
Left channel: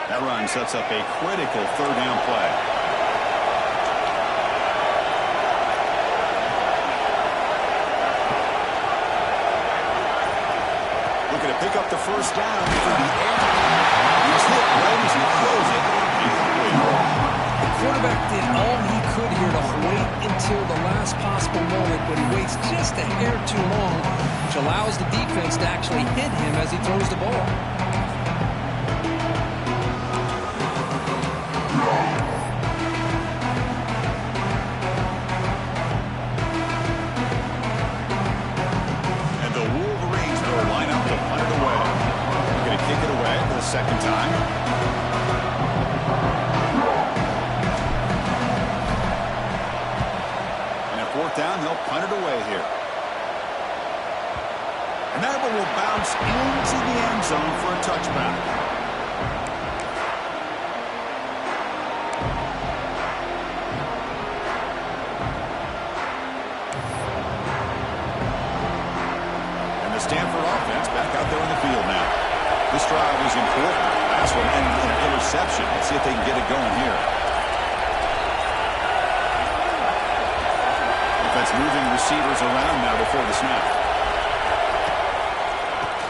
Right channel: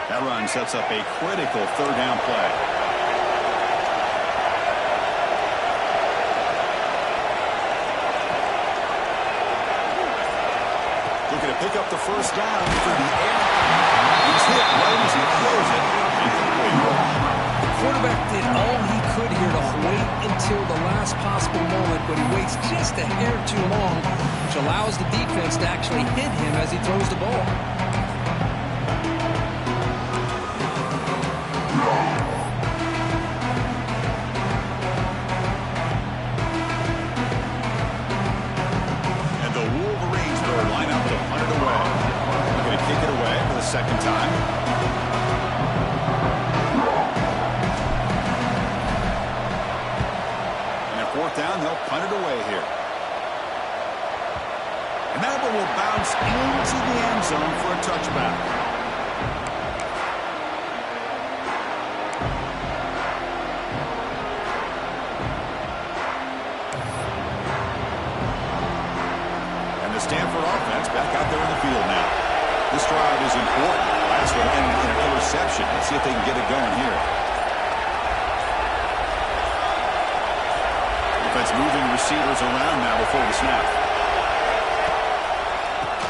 That run sets up a critical 3rd down play. Looking to pick up the first down through the air. He's hit right as he throws it. The quarterback did all he could here to wait until the last possible moment, but he waits just a hair too long, which allows the defense to actually hit him as he throws the ball. second time. And at fourth down, they'll punt it away here. And that one will bounce into the end zone for a touchback. And the Stanford offense back out there on the field now. This drive is important. Last one ended in an interception. Let's see if they can get it going here. Defense moving receivers around now before the snap.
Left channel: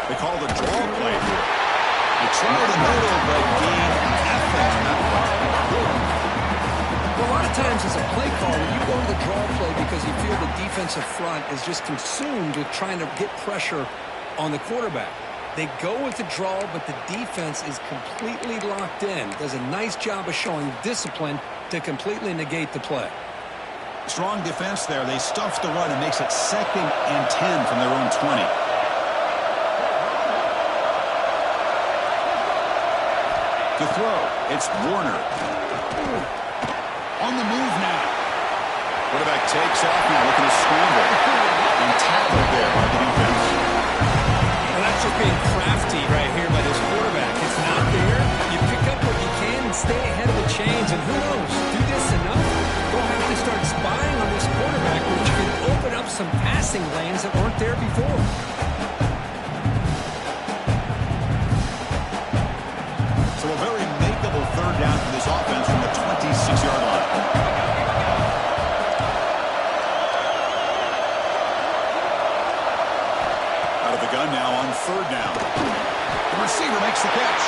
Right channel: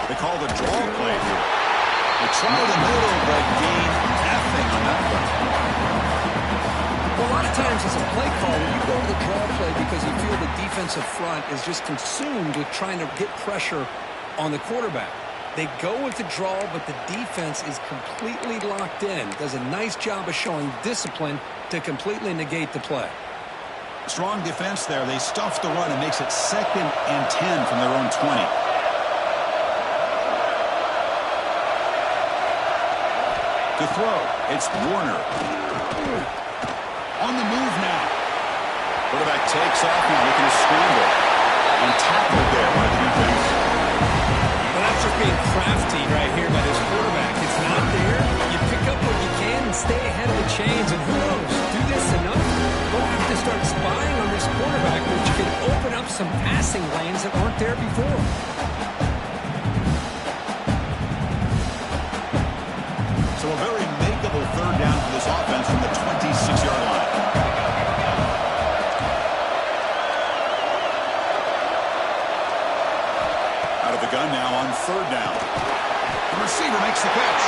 They call the draw play here. They try the middle, but gain nothing on that play. Well, a lot of times as a play call, when you go to the draw play because you feel the defensive front is just consumed with trying to get pressure on the quarterback. They go with the draw, but the defense is completely locked in. Does a nice job of showing discipline to completely negate the play. Strong defense there. They stuff the run and makes it 2nd and 10 from their own 20. To throw, it's Warner. On the move now. Quarterback takes off now, looking to scramble. And tackled there by the defense. Well, that's just being crafty right here by this quarterback. It's not there. You pick up what you can and stay ahead of the chains. And who knows, do this enough, they'll have to start spying on this quarterback, which can open up some passing lanes that weren't there before. So a very makeable third down for this offense from the 26-yard line. Out of the gun now on third down. The receiver makes the catch.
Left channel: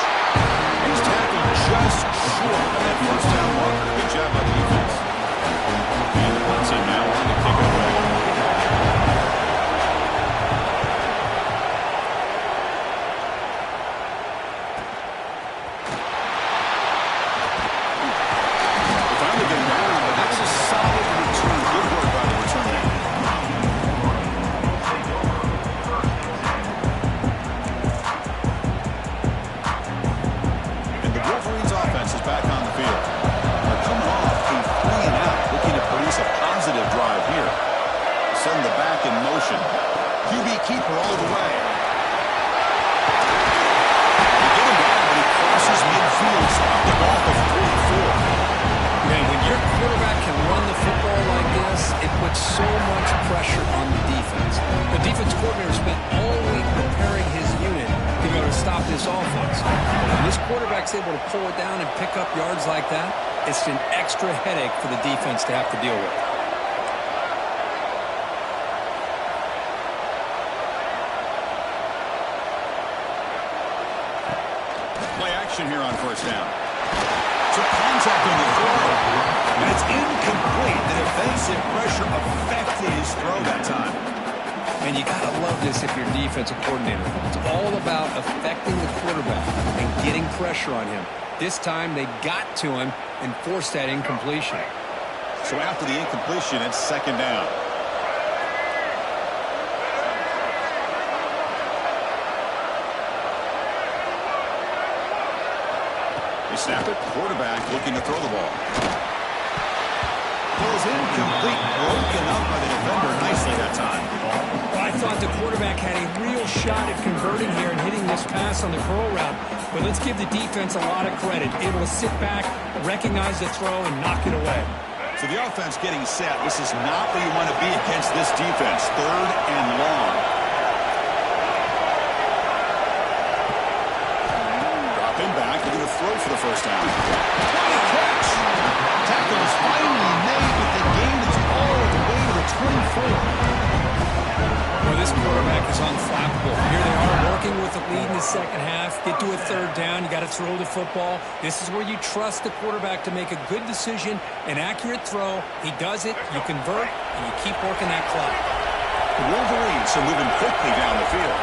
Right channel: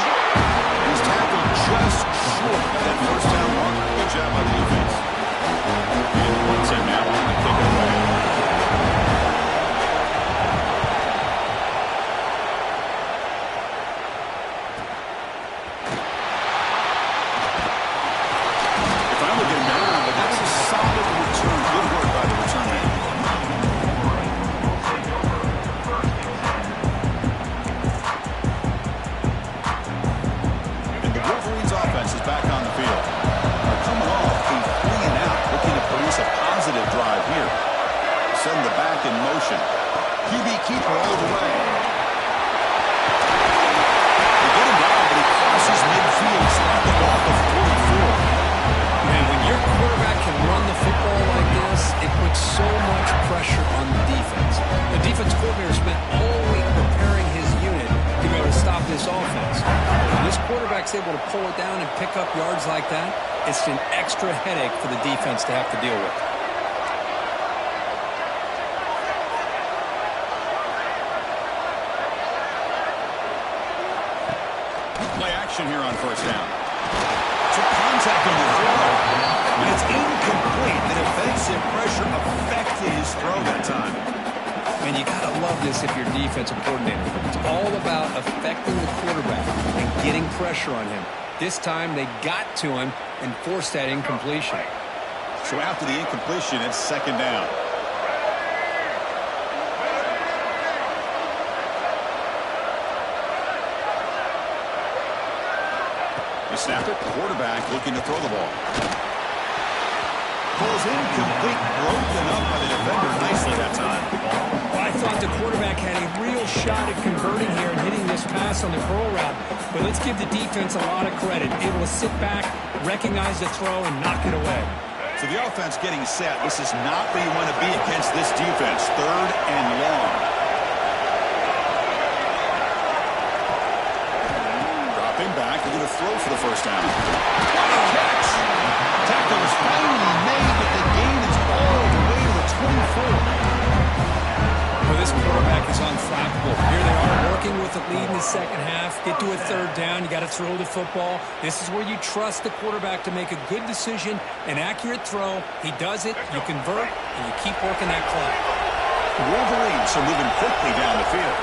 He's tackled just short of that first down marker. Good job by the defense. And the punt team now on to kick it away. Back on the field. They're coming off a 3-and-out, looking to produce a positive drive here. Send the back in motion. QB keeper all the way. They get him down, but he crosses midfield, stopped the ball of 44. Man, when your quarterback can run the football like this, it puts so much pressure on the defense. The defense coordinator spent all week preparing his unit to be able to stop this offense. When this quarterback's able to pull it down and pick up yards like that, it's an extra headache for the defense to have to deal with. Play action here on first down. Took contact on the throw, and it's incomplete. The defensive pressure affected his throw that time. And you got to love this if you're defensive coordinator. It's all about affecting the quarterback and getting pressure on him. This time they got to him and forced that incompletion. So after the incompletion, it's second down. They snap it. Quarterback looking to throw the ball. Ball's incomplete, broken up by the defender nicely that time. Well, I thought the quarterback had a real shot at converting here and hitting this pass on the curl route. But let's give the defense a lot of credit. Able to sit back, recognize the throw, and knock it away. So the offense getting set. This is not where you want to be against this defense. Third and long. Dropping back, they're going to throw for the first down. What a catch! Tackle is finally made, but the gain is all the way to the 24. Well, this quarterback is unflappable. Here they are working with the lead in the second half. Get to a third down. You got to throw the football. This is where you trust the quarterback to make a good decision, an accurate throw. He does it, you convert, and you keep working that clock. The Wolverines are moving quickly down the field.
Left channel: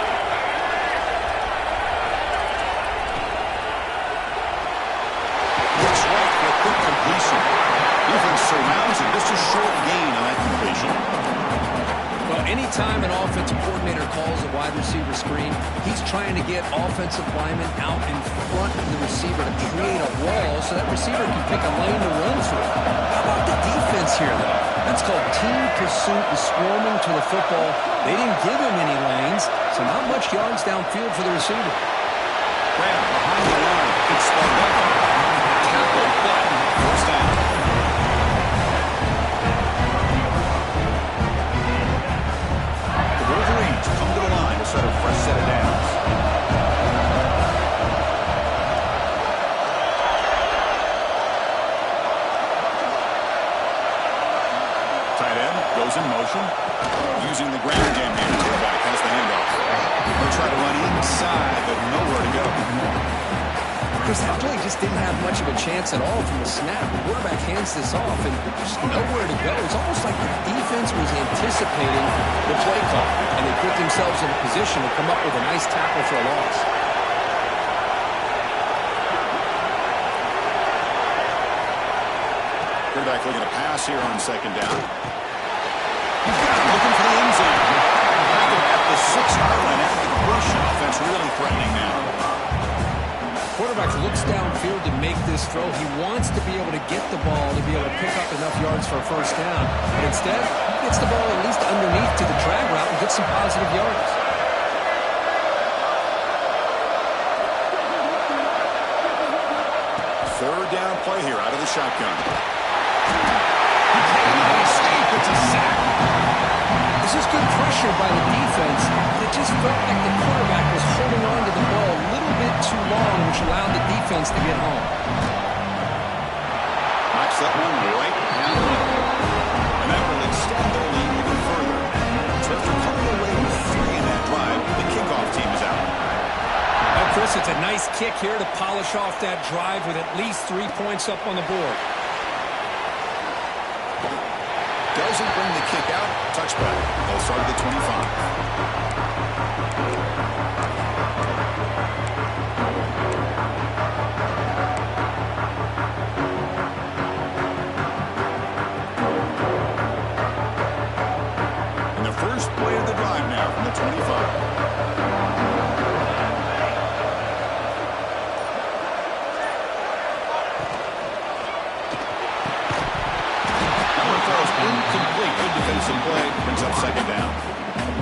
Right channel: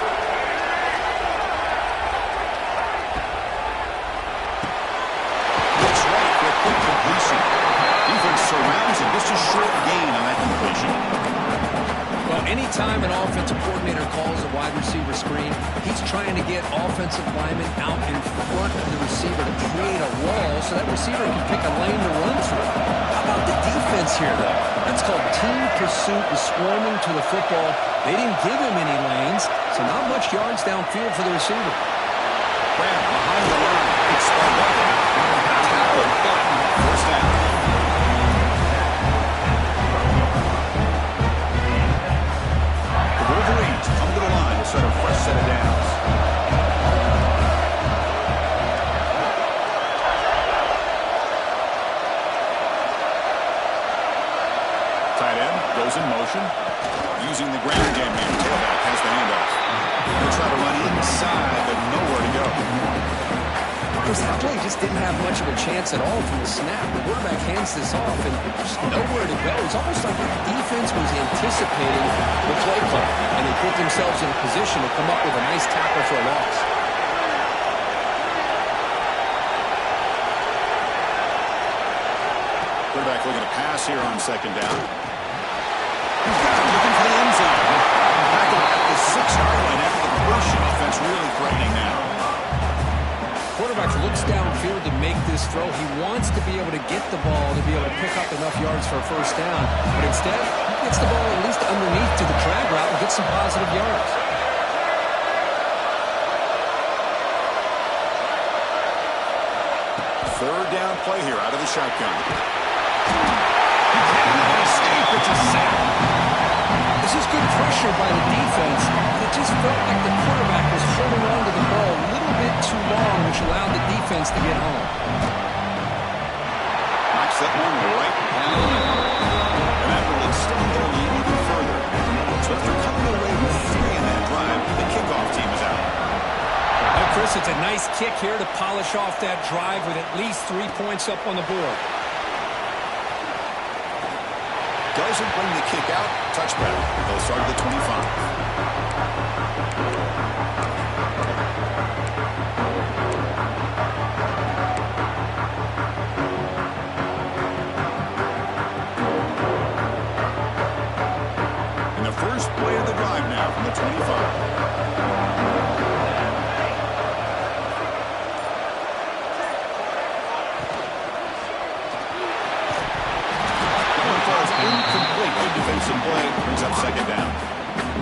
Looks right for a quick completion. Defense surrounds him. Just a short gain on that completion. Well, Well, anytime an offensive coordinator calls a wide receiver screen, he's trying to get offensive linemen out in front of the receiver to create a wall so that receiver can pick a lane to run through. How about the defense here, though? That's called team pursuit and swarming to the football. They didn't give him any lanes, so not much yards downfield for the receiver. Grab behind the line. It's spun up. Tackle, but first down. The Wolverines come to the line to start a fresh set of downs. Tight end goes in motion. Using the ground game here. Tailback has the handoff. They'll try to run inside, but nowhere to go. Chris, that play just didn't have much of a chance at all from the snap. The quarterback hands this off, and there's nowhere to go. It's almost like the defense was anticipating the play call, and they put themselves in a position to come up with a nice tackle for a loss. Quarterback looking to pass here on second down. He's got it, looking for the end zone. Tackled at the 6-yard line after the completion. Offense really threatening now. Quarterback looks downfield to make this throw. He wants to be able to get the ball to be able to pick up enough yards for a first down. But instead, he gets the ball at least underneath to the drag route and gets some positive yards. Third down play here out of the shotgun. He cannot escape. It's a sack. This is good pressure by the defense, but it just felt like the quarterback was holding on to the ball a little bit too long, which allowed the defense to get home. Knocks that one right down. And that will extend their lead even further. So after coming away with 3 in that drive, the kickoff team is out. Oh, Chris, it's a nice kick here to polish off that drive with at least 3 points up on the board. Doesn't bring the kick out. Touchback. They'll start at the 25. And the first play of the drive now from the 25. Falls incomplete. Good defensive play. Brings up second down.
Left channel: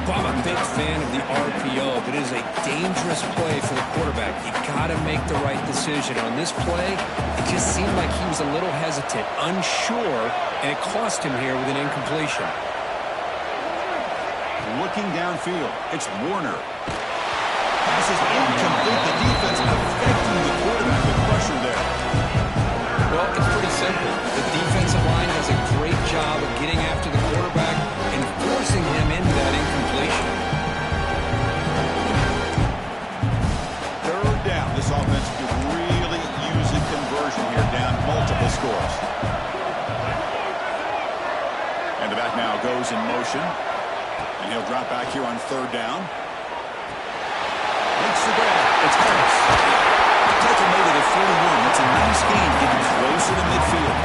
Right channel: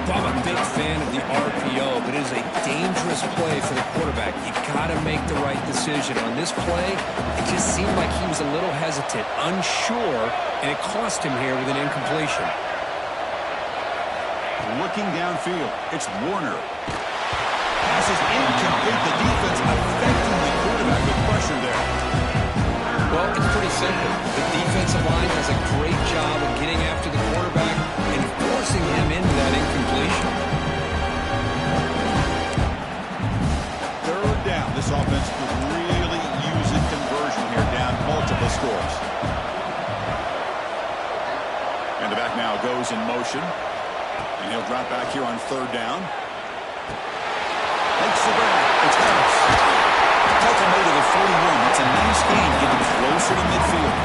Well, I'm a big fan of the RPO, but it is a dangerous play for the quarterback. You got to make the right decision. On this play, it just seemed like he was a little hesitant, unsure, and it cost him here with an incompletion. Looking downfield, it's Warner. Pass is incomplete. The defense affecting the quarterback with pressure there. Well, it's pretty simple. The defensive line does a great job of getting after the quarterback and forcing him into that incompletion. Third down. This offense could really use a conversion here, down multiple scores. And the back now goes in motion. And he'll drop back here on third down. Makes the grab. It's Harris. Tackle made at the 41. That's a nice gain, getting closer to midfield.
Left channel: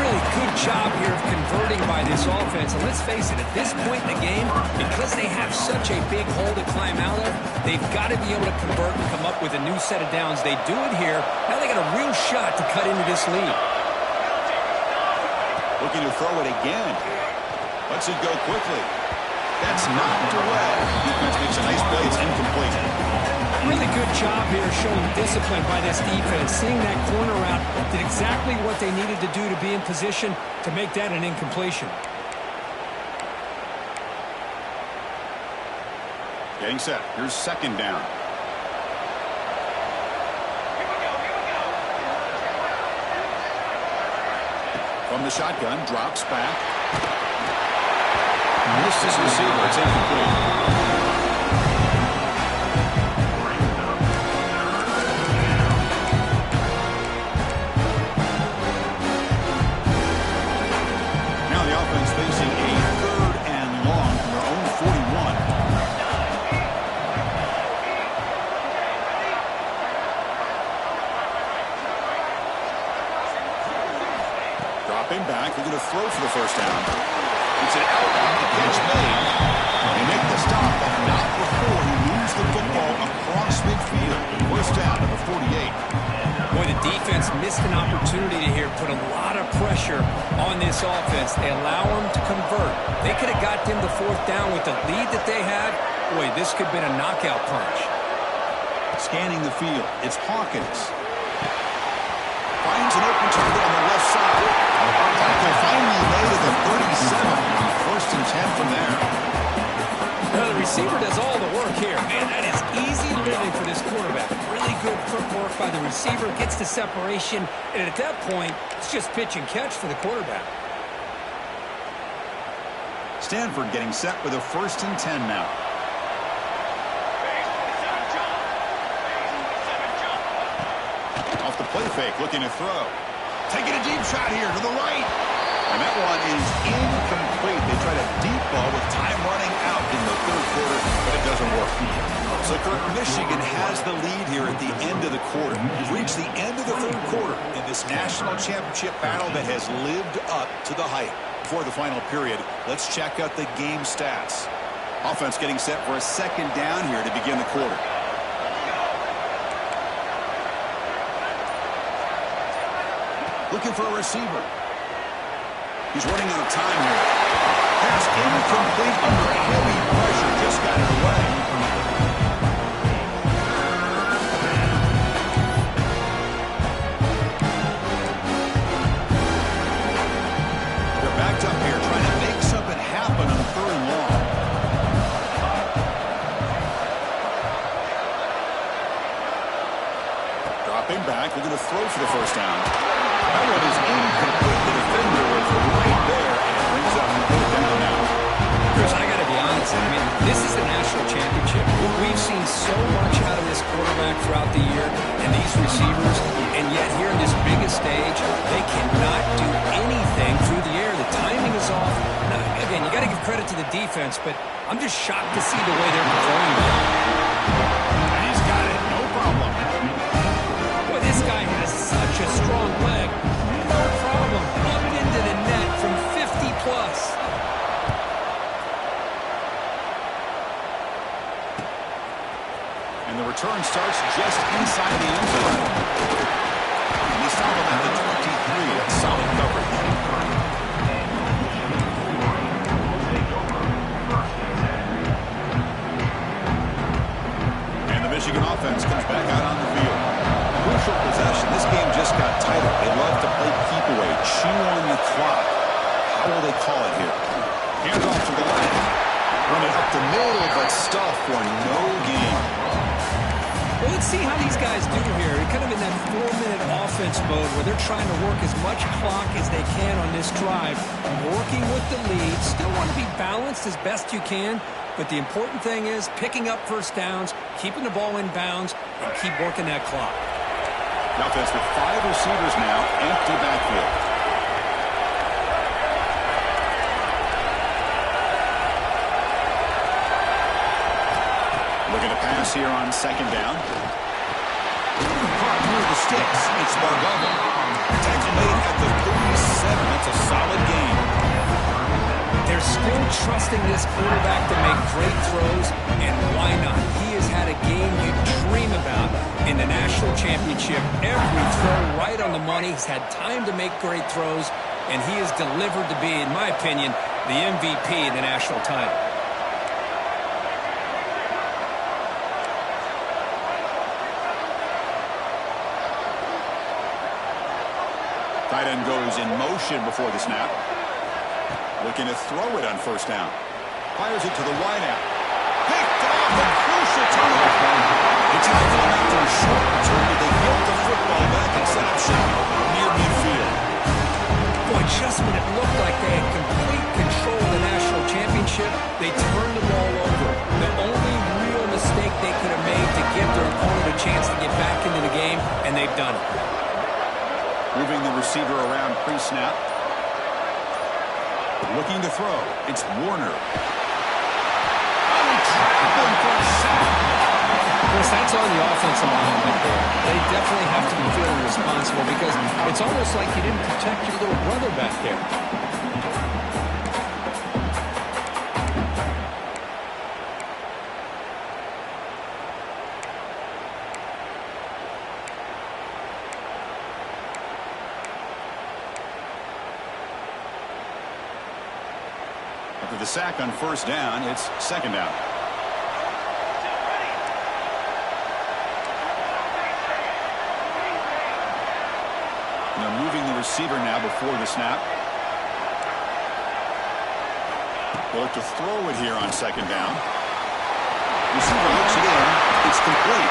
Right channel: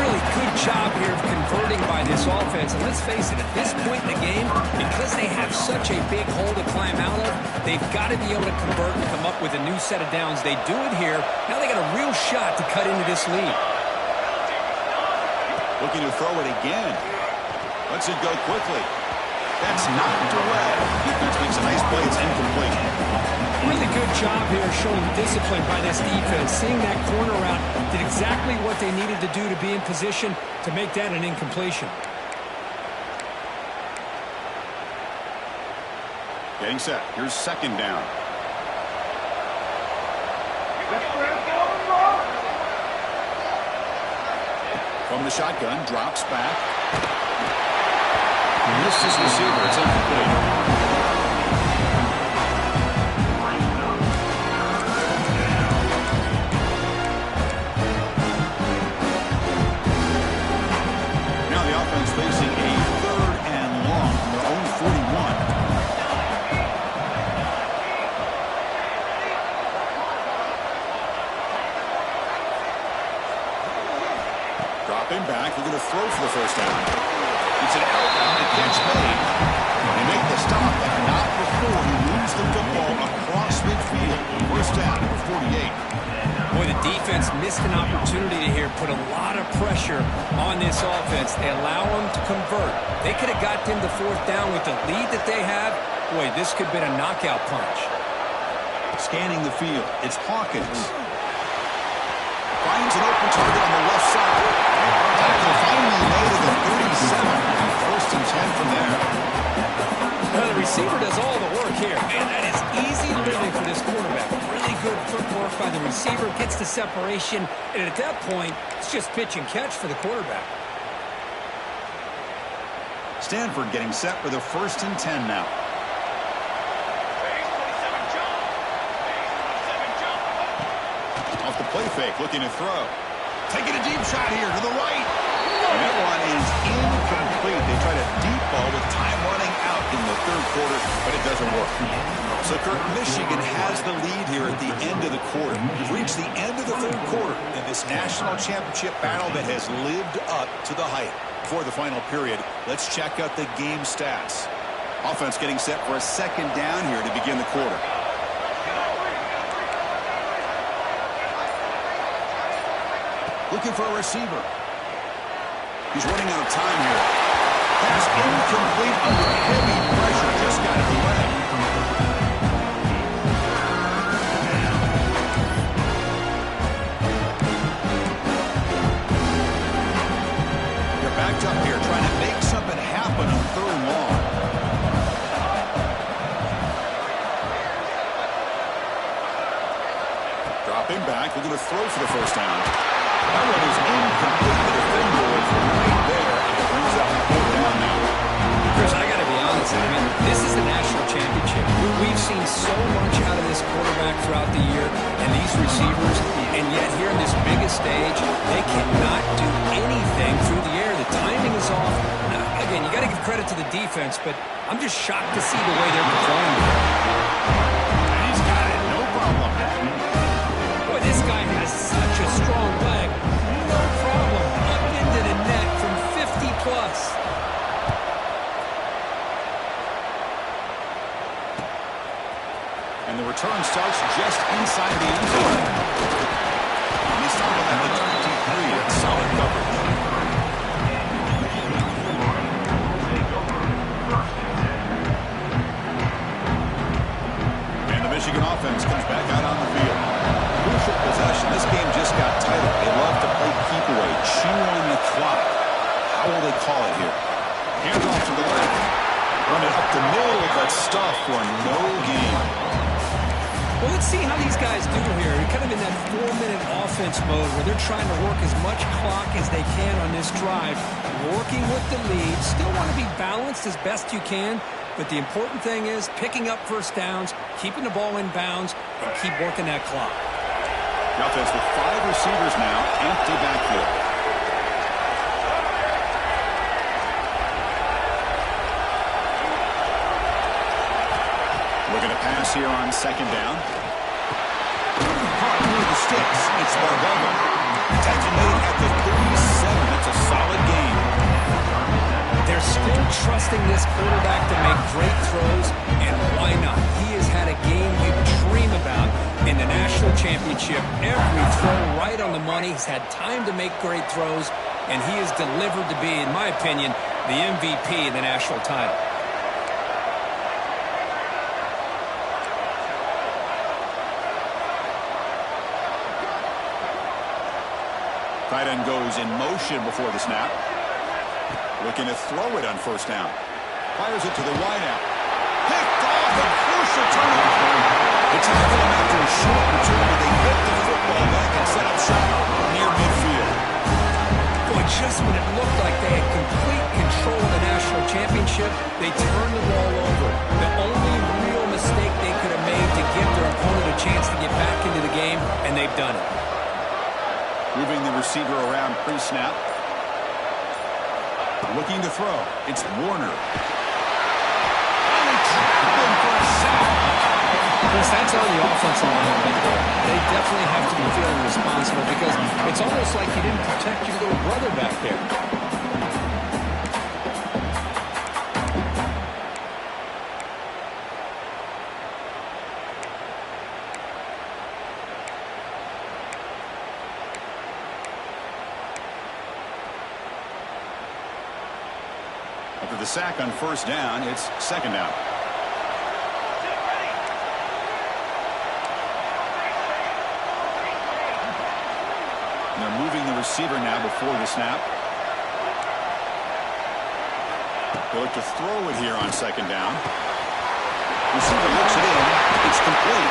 Really good job here of converting by this offense. And let's face it, at this point in the game, because they have such a big hole to climb out of, they've got to be able to convert and come up with a new set of downs. They do it here. Now they got a real shot to cut into this lead. Looking to throw it again. Lets it go quickly. That's knocked away. Defense makes a nice play. It's incomplete. Really good job here showing discipline by this defense. Seeing that corner route, did exactly what they needed to do to be in position to make that an incompletion. Getting set. Here's second down. Here we go. From the shotgun, drops back. Missed his receiver. It's incomplete. Offense facing a third and long from their own 41. Dropping back, looking to throw for the first down. It's an out route, the catch made. They make the stop, but not before he moves the football across midfield. First down, number 48. Boy, the defense missed an opportunity to here, put a lot of pressure on this offense. They allow them to convert. They could have got them the fourth down with the lead that they have. Boy, this could have been a knockout punch. Scanning the field, it's Hawkins. Finds an open target on the left side. Tackle finally made at the 37. First and 10 from there. Well, the receiver does all the work here. Man, that is easy living for this quarterback. Really good footwork by the receiver, gets the separation, and at that point, it's just pitch and catch for the quarterback. Stanford getting set with a first and 10 now. Base 27 jump. Base 27 jump. Off the play fake, looking to throw. Taking a deep shot here to the right. And that one is incomplete. They tried a deep ball with time running out in the third quarter, but it doesn't work. So, Kirk, Michigan has the lead here at the end of the quarter. We've reached the end of the third quarter in this national championship battle that has lived up to the hype. Before the final period, let's check out the game stats. Offense getting set for a second down here to begin the quarter. Looking for a receiver. He's running out of time here. Pass incomplete under heavy pressure. Just got it away. They're backed up here trying to make something happen on third and long. Dropping back, looking to throw for the first down. That one is incomplete. The defender was right there, and it brings up fourth down now. Chris, I got to be honest. I mean, this is the national championship. We've seen so much out of this quarterback throughout the year and these receivers, and yet here in this biggest stage, they cannot do anything through the air. The timing is off. Now, again, you got to give credit to the defense, but I'm just shocked to see the way they're performing. And he's got it, no problem. Boy, this guy has such a strong leg. No problem. Up into the net from 50 plus. And the return starts just inside the end zone. And they stop him at the 23. That's solid coverage. And the Michigan offense comes back out on the field. Crucial possession. This game just got tighter. They love to play keep away, chew on the clock. How will they call it here? Hands off to the left. Run it up the middle, but stuff for no gain. Well, let's see how these guys do here. They're kind of in that 4-minute offense mode where they're trying to work as much clock as they can on this drive, working with the lead. Still want to be balanced as best you can, but the important thing is picking up first downs, keeping the ball in bounds, and keep working that clock. The offense with 5 receivers now, empty backfield. Looking to pass here on second down. Caught near the sticks. It's Bargava. Tackle made at the 37. That's a solid gain. They're still trusting this quarterback to make great throws, and why not? He has had a game you dream about in the national championship. Every throw right on the money. He's had time to make great throws, and he has delivered to be, in my opinion, the MVP in the national title. Tight end goes in motion before the snap. Looking to throw it on first down. Fires it to the wideout. Picked off, a crucial turnover. They tackle him after a short return, but they get the football back and set up shop near midfield. Boy, just when it looked like they had complete control of the national championship, they turned the ball over. The only real mistake they could have made to give their opponent a chance to get back into the game, and they've done it. Moving the receiver around pre-snap. Looking to throw. It's Warner. Oh, they trap him for a sack. Chris, that's on the offensive line right there. They definitely have to be feeling responsible because it's almost like you didn't protect your little brother back there. sack on first down. It's second down. And they're moving the receiver now before the snap. They look to throw it here on second down. Receiver looks it in. It's complete.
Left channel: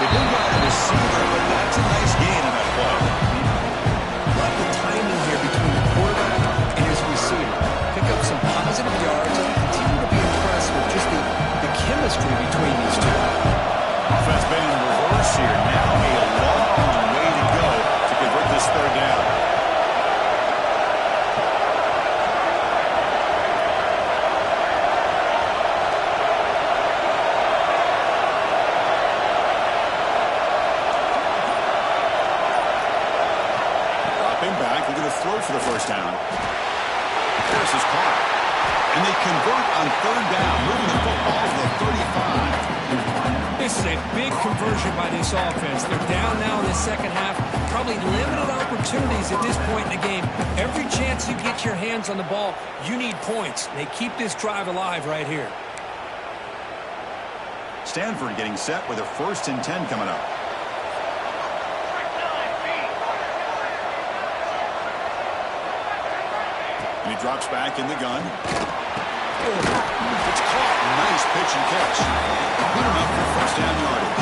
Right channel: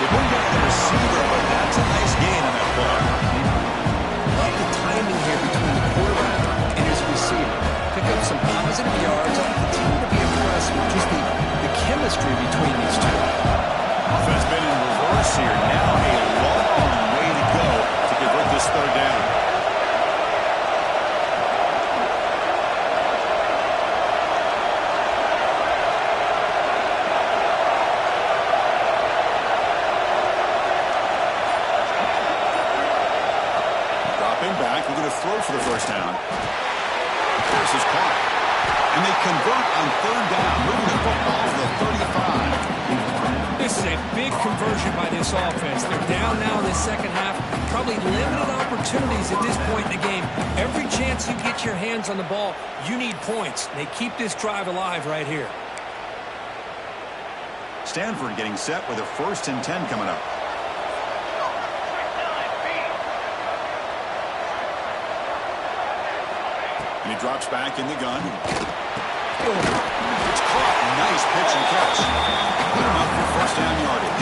They bring down the receiver, but that's a nice gain on that play. Love the timing here between the quarterback and his receiver. Pick up some positive yards. I continue to be impressed with just the chemistry between these two. Offense been in reverse here. Now a long way to go to convert this third down. Back, they're going to throw for the first down. Harris is caught. And they convert on third down, moving the football to the 35. This is a big conversion by this offense. They're down now in the second half. Probably limited opportunities at this point in the game. Every chance you get your hands on the ball, you need points. They keep this drive alive right here. Stanford getting set with a 1st and 10 coming up. And he drops back in the gun. It's caught. Nice pitch and catch. Good enough for first down yardage.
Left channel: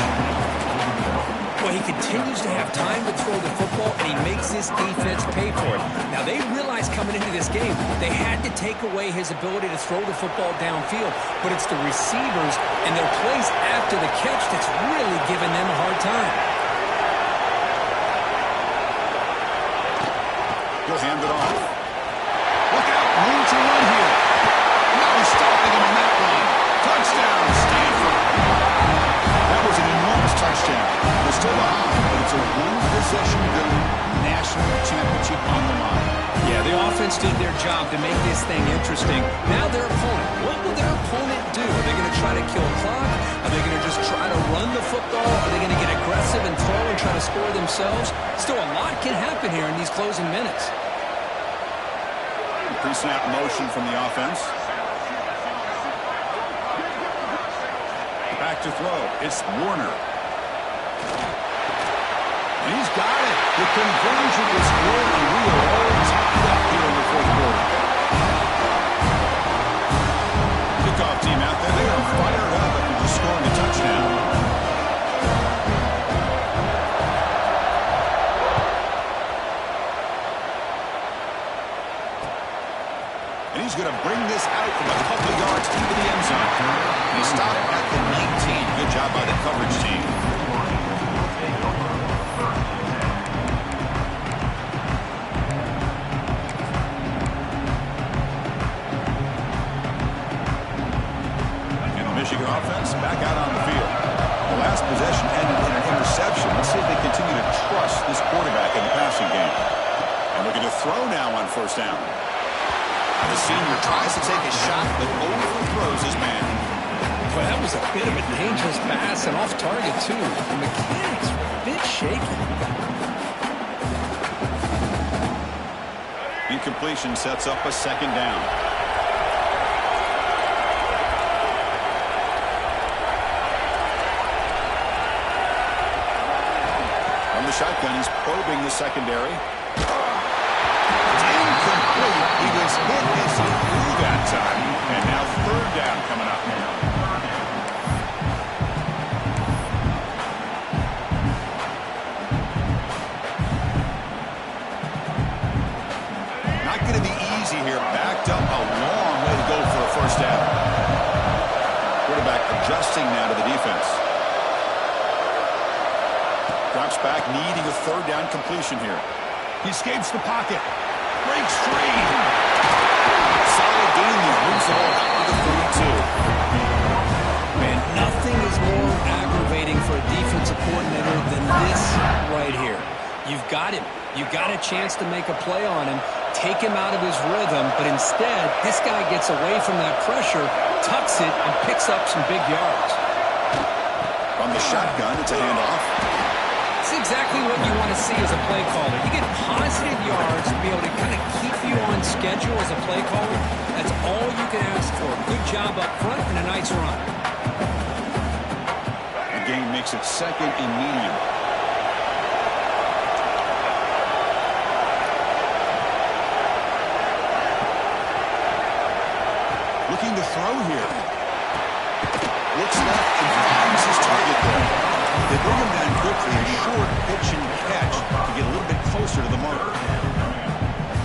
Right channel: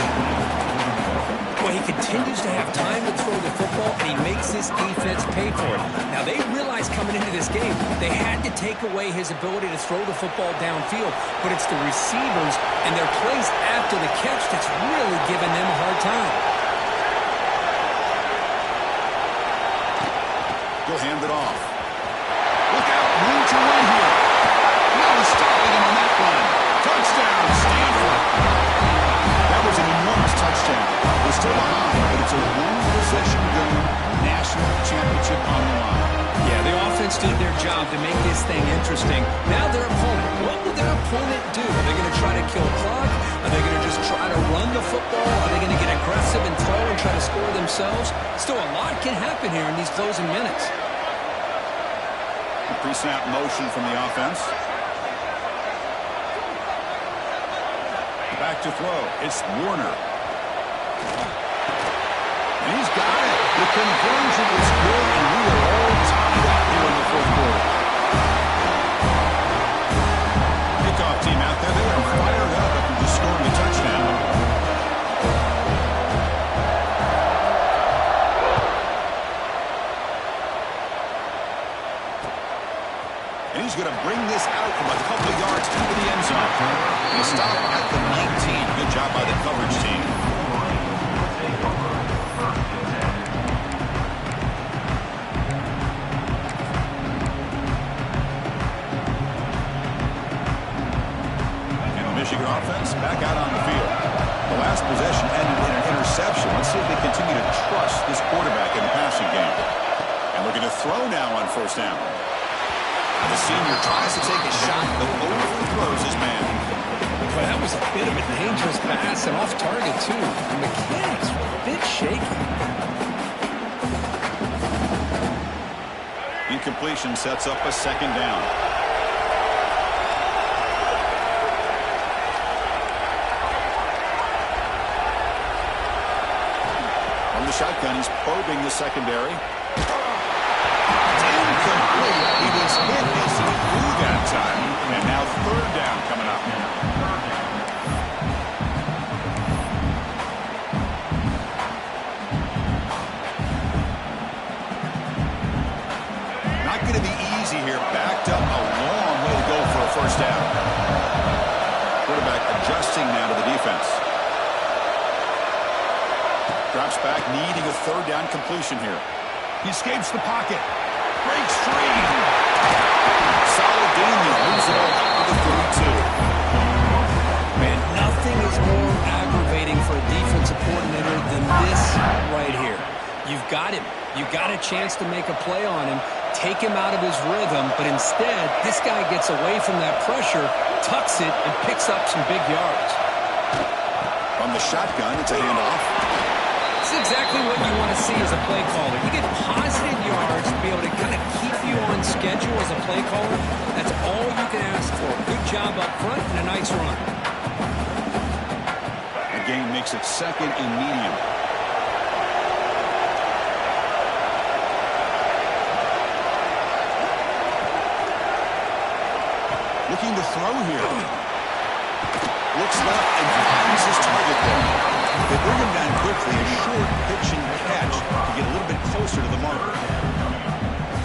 Well, he continues to have time to throw the football, and he makes this defense pay for it. Now, they realized coming into this game they had to take away his ability to throw the football downfield, but it's the receivers and their plays after the catch that's really giving them a hard time. He'll hand it off. Look out, room to run here. No stopping him on that run. Touchdown, Stanford. That was an enormous touchdown. They're still behind, but it's a one-possession game, national championship on the line. Yeah, the offense did their job to make this thing interesting. Now their opponent. What will their opponent do? Are they going to try to kill clock? Are they going to just try to run the football? Are they going to get aggressive and throw and try to score themselves? Still, a lot can happen here in these closing minutes. Pre-snap motion from the offense. Back to throw. It's Warner. And he's got it. The conversion is good, and we are all tied up here in the fourth quarter. Kickoff team out there. They are fired up after just scoring a touchdown. And he's going to bring this out from a couple of yards into the end zone. He stopped at the 19. Good job by the coverage team. And the Michigan offense back out on the field. The last possession ended in an interception. Let's see if they continue to trust this quarterback in the passing game. And looking to throw now on first down. The senior tries to take a shot, but overthrows his man. Well, that was a bit of a dangerous pass and off target, too. The mechanics were a bit shaky. Incompletion sets up a second down. From the shotgun, he's probing the secondary. Incomplete. He was hit as he threw that time. And now third down coming up. Not going to be easy here. Backed up a long way to go for a first down. Quarterback adjusting now to the defense. Drops back, needing a third down completion here. He escapes the pocket. Breaks free. Solid gain there. Moves the ball out to the 32. Man, nothing is more aggravating for a defensive coordinator than this right here. You've got him. You've got a chance to make a play on him, take him out of his rhythm, but instead, this guy gets away from that pressure, tucks it, and picks up some big yards. From the shotgun, it's a handoff. It's exactly what you want to see as a play caller. You get positive yards to be able to kind of keep you on schedule as a play caller. That's all you can ask for. Good job up front and a nice run. The gain makes it 2nd and medium. Looking to throw here. Looks left and finds his target there. They bring him down quickly, a short pitch and catch to get a little bit closer to the marker.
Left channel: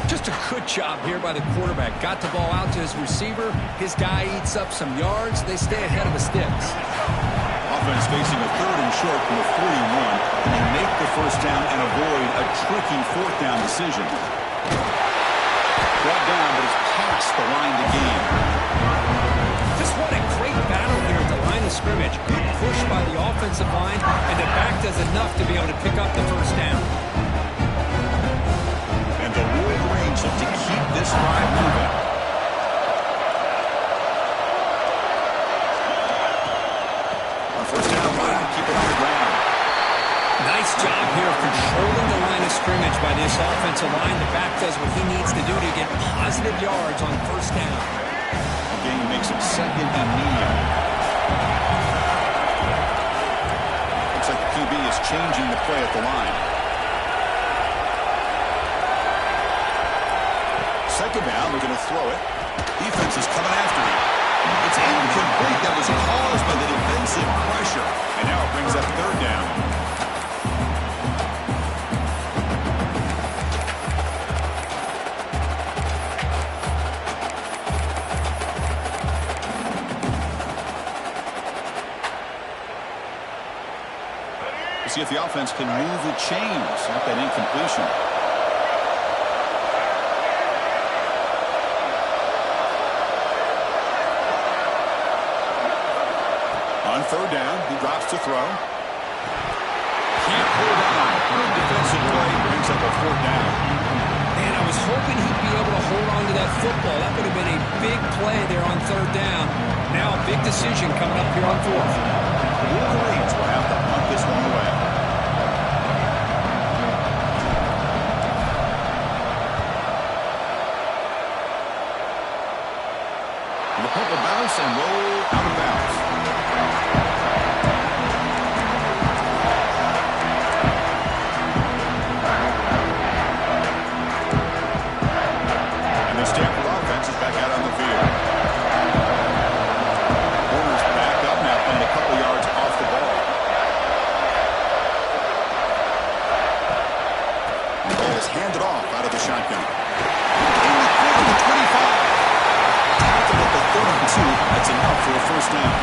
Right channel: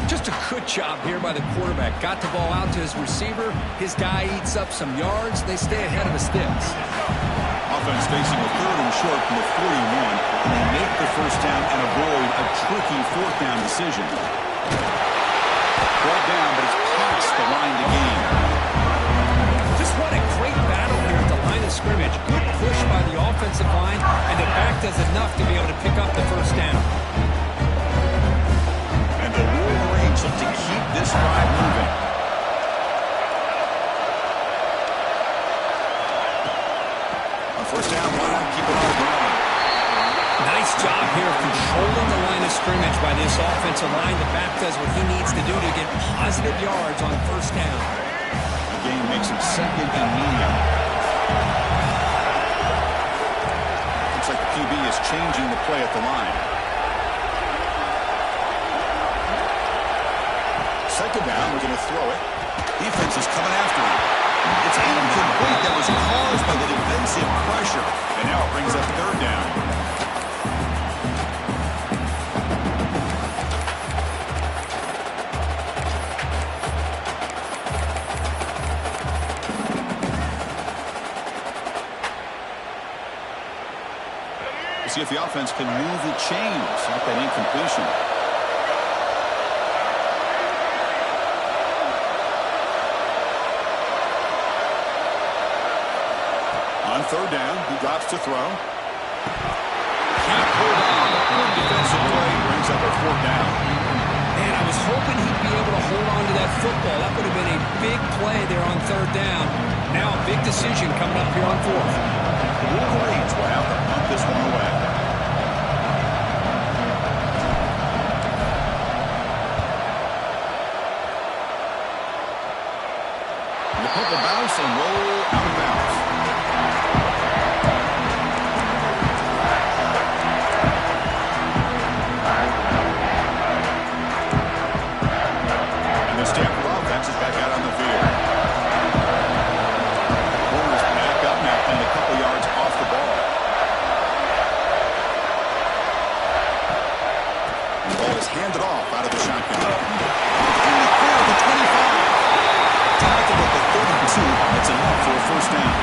Just a good job here by the quarterback. Got the ball out to his receiver. His guy eats up some yards. They stay ahead of the sticks. Offense facing a 3rd and short from the 41, and they make the first down and avoid a tricky 4th down decision. Brought down, but it's past the line to gain. Just what a great battle here at the line of scrimmage. Good push by the offensive line, and the back does enough to be able to pick up the first down. And the Wolverines look to keep this drive moving. On first down, keep it on the ground. Nice job here of controlling the line of scrimmage by this offensive line. The back does what he needs to do to get positive yards on first down. Gain makes it 2nd and medium. Looks like the QB is changing the play at the line. 2nd down, we're going to throw it. Defense is coming after him. It's incomplete. That was caused by the defensive pressure. And now it brings up 3rd down. See if the offense can move the chains off that incompletion. On 3rd down, he drops to throw. Can't hold on. Good defensive play brings up a 4th down. Man, I was hoping he'd be able to hold on to that football. That would have been a big play there on 3rd down. Now a big decision coming up here on 4th. The Wolverines will have to punt this one away. And the punt will bounce and roll out of bounds. And the Stanford offense is back out on the field. Corners back up now, playing a couple yards off the ball. And the ball is handed off out of the shotgun. In the corner, the 25. Tackled at the 32. That's enough for a first down.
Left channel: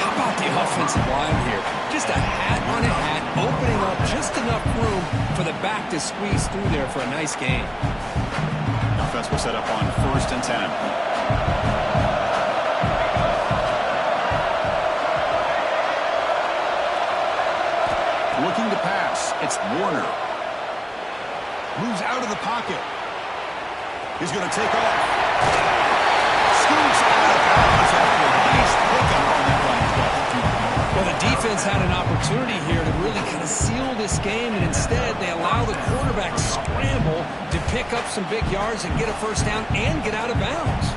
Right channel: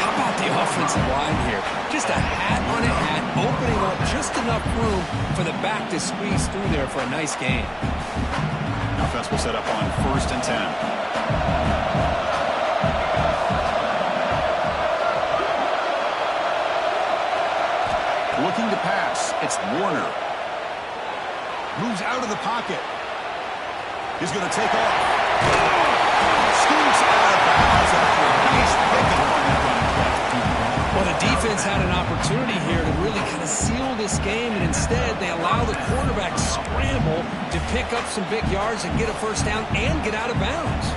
How about the offensive line here? Just a hat on a hat, opening up just enough room for the back to squeeze through there for a nice gain. The offense will set up on 1st and 10. Looking to pass. It's Warner. Moves out of the pocket. He's going to take off. Scoots out of bounds after a nice pickup on that running play. Well, the defense had an opportunity here to really kind of seal this game, and instead they allow the quarterback to scramble to pick up some big yards and get a first down and get out of bounds.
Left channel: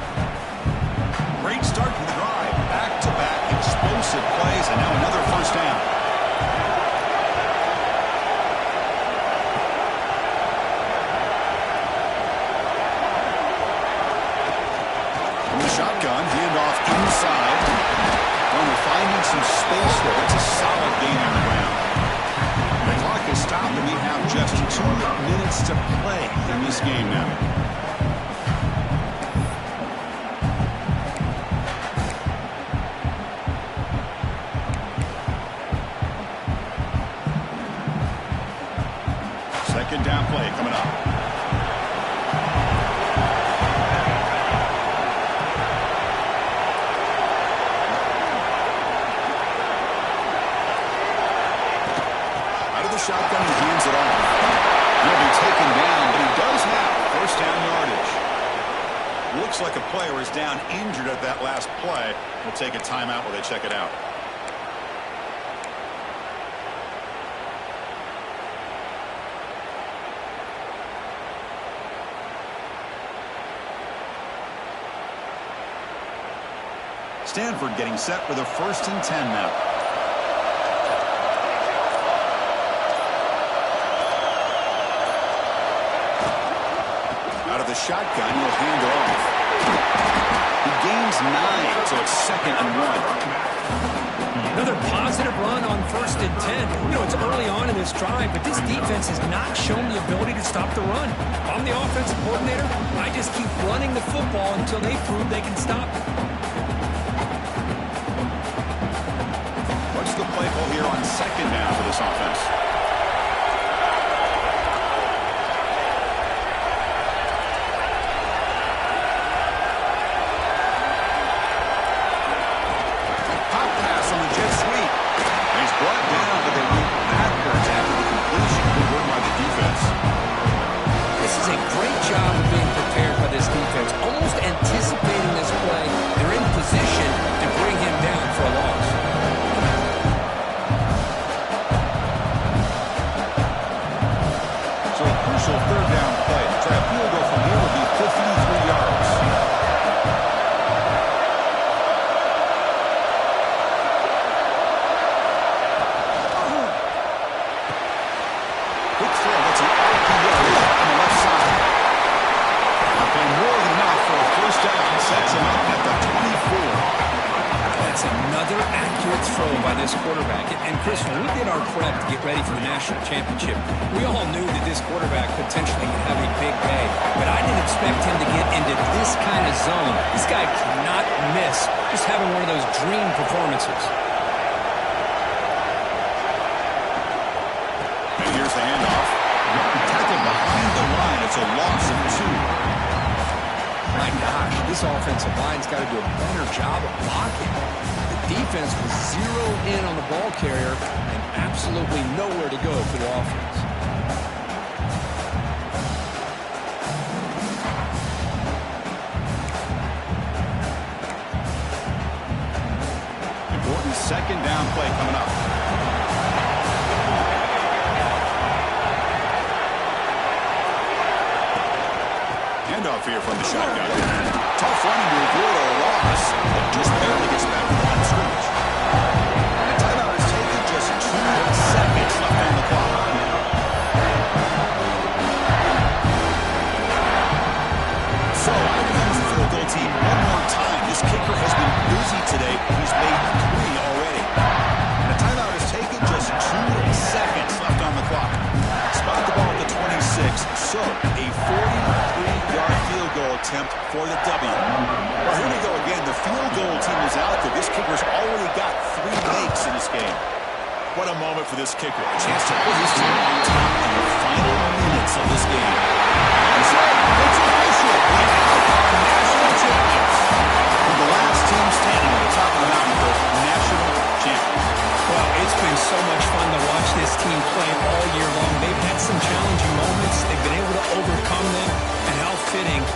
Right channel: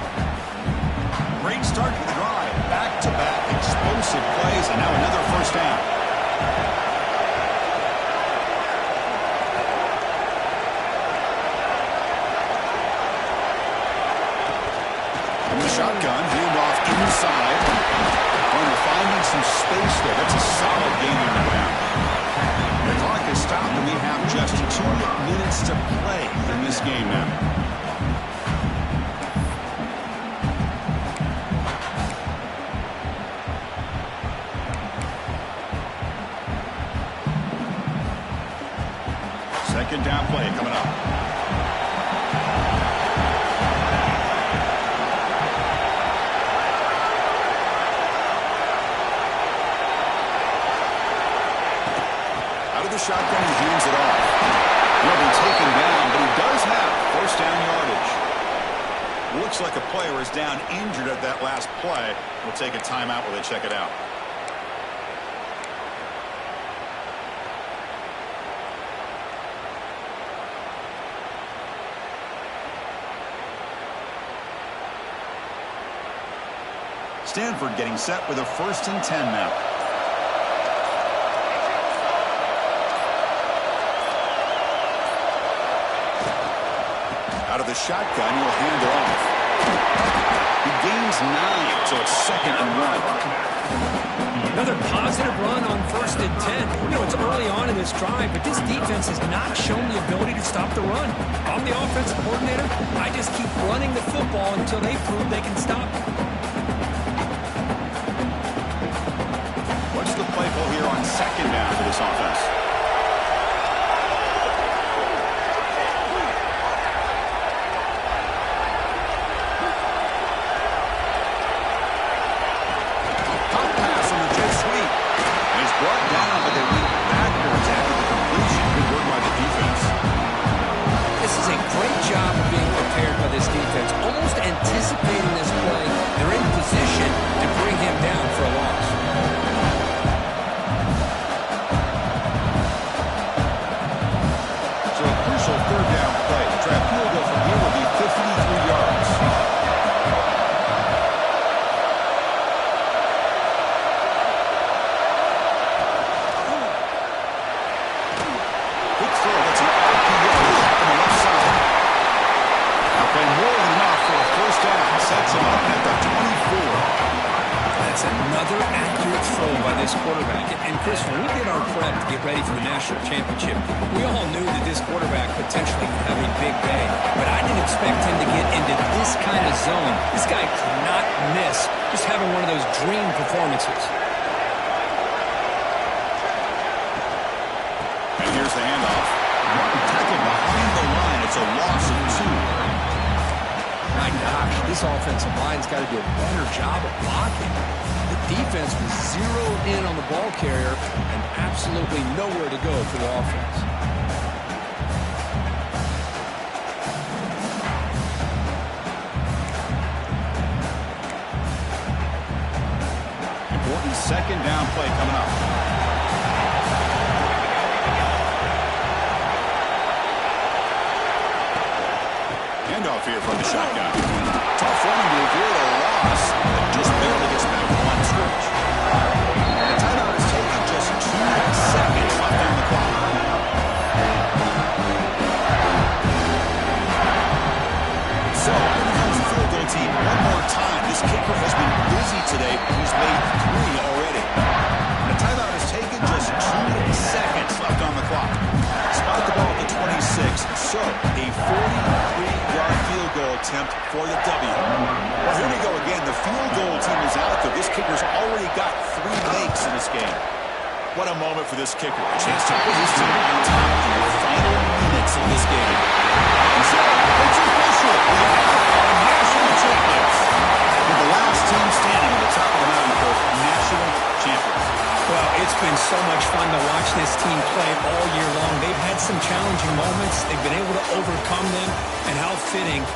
Great start to the drive. Back-to-back explosive plays, and now another first down. From the shotgun, handoff inside. Runner finding some space there. That's a solid gain on the ground. The clock is stopped, and we have just 2 minutes to play in this game now. Second down play coming up. The shotgun, he hands it off. He'll be taken down, but he does have first down yardage. Looks like a player is down injured at that last play. We'll take a timeout while they check it out. Stanford getting set with a 1st and 10 now. Out of the shotgun, he'll hand it off. He gains 9, so it's 2nd and 1. Another positive run on 1st and 10. You know, it's early on in this drive, but this defense has not shown the ability to stop the run. If I'm the offensive coordinator, I just keep running the football until they prove they can stop it. What's the play call here on 2nd down for this offense? Brought down, but they went backwards after the completion. Good work by the defense. This is a great job of being prepared by this defense, almost anticipating this play. They're in position to bring him down for a loss. So a crucial 3rd down play. To try a field goal from here would be 53 yards. That's an RPO on the left side. Now playing more than enough for a 1st down. Sets him up at the 24. That's another accurate throw by this quarterback. And Chris, when we did our prep to get ready for the national championship, we all knew that this quarterback potentially could have a big day. But I didn't expect him to get into this kind of zone. This guy cannot miss just having one of those dream performances. And here's the handoff. Tackled behind the line. It's a loss of 2. My gosh, this offensive line's got to do a better job of blocking. The defense was zeroed in on the ball carrier and absolutely nowhere to go for the offense. Important 2nd down play coming up. Handoff here from the shotgun. Tough running to avoid a loss, but just barely gets back to the line of scrimmage. The timeout is taken, just 2 seconds left on the clock. So, here comes the field goal team. One more time. This kicker has been busy today. He's made 3 already. The timeout is taken, just 2 seconds left on the clock. Spot the ball at the 26, so a 43-yard field goal attempt for the W. Well, here we go again. The field goal team is out there. This kicker's already got 3 makes in this game. What a moment for this kicker. A chance to put his team on top in the final minutes of this game. And so, it's official. We have our national champions. With the last team standing at the top of the mountain, Coach, national champions. Well, it's been so much fun to watch this team play all year long. They've had some challenging moments. They've been able to overcome them, and how fitting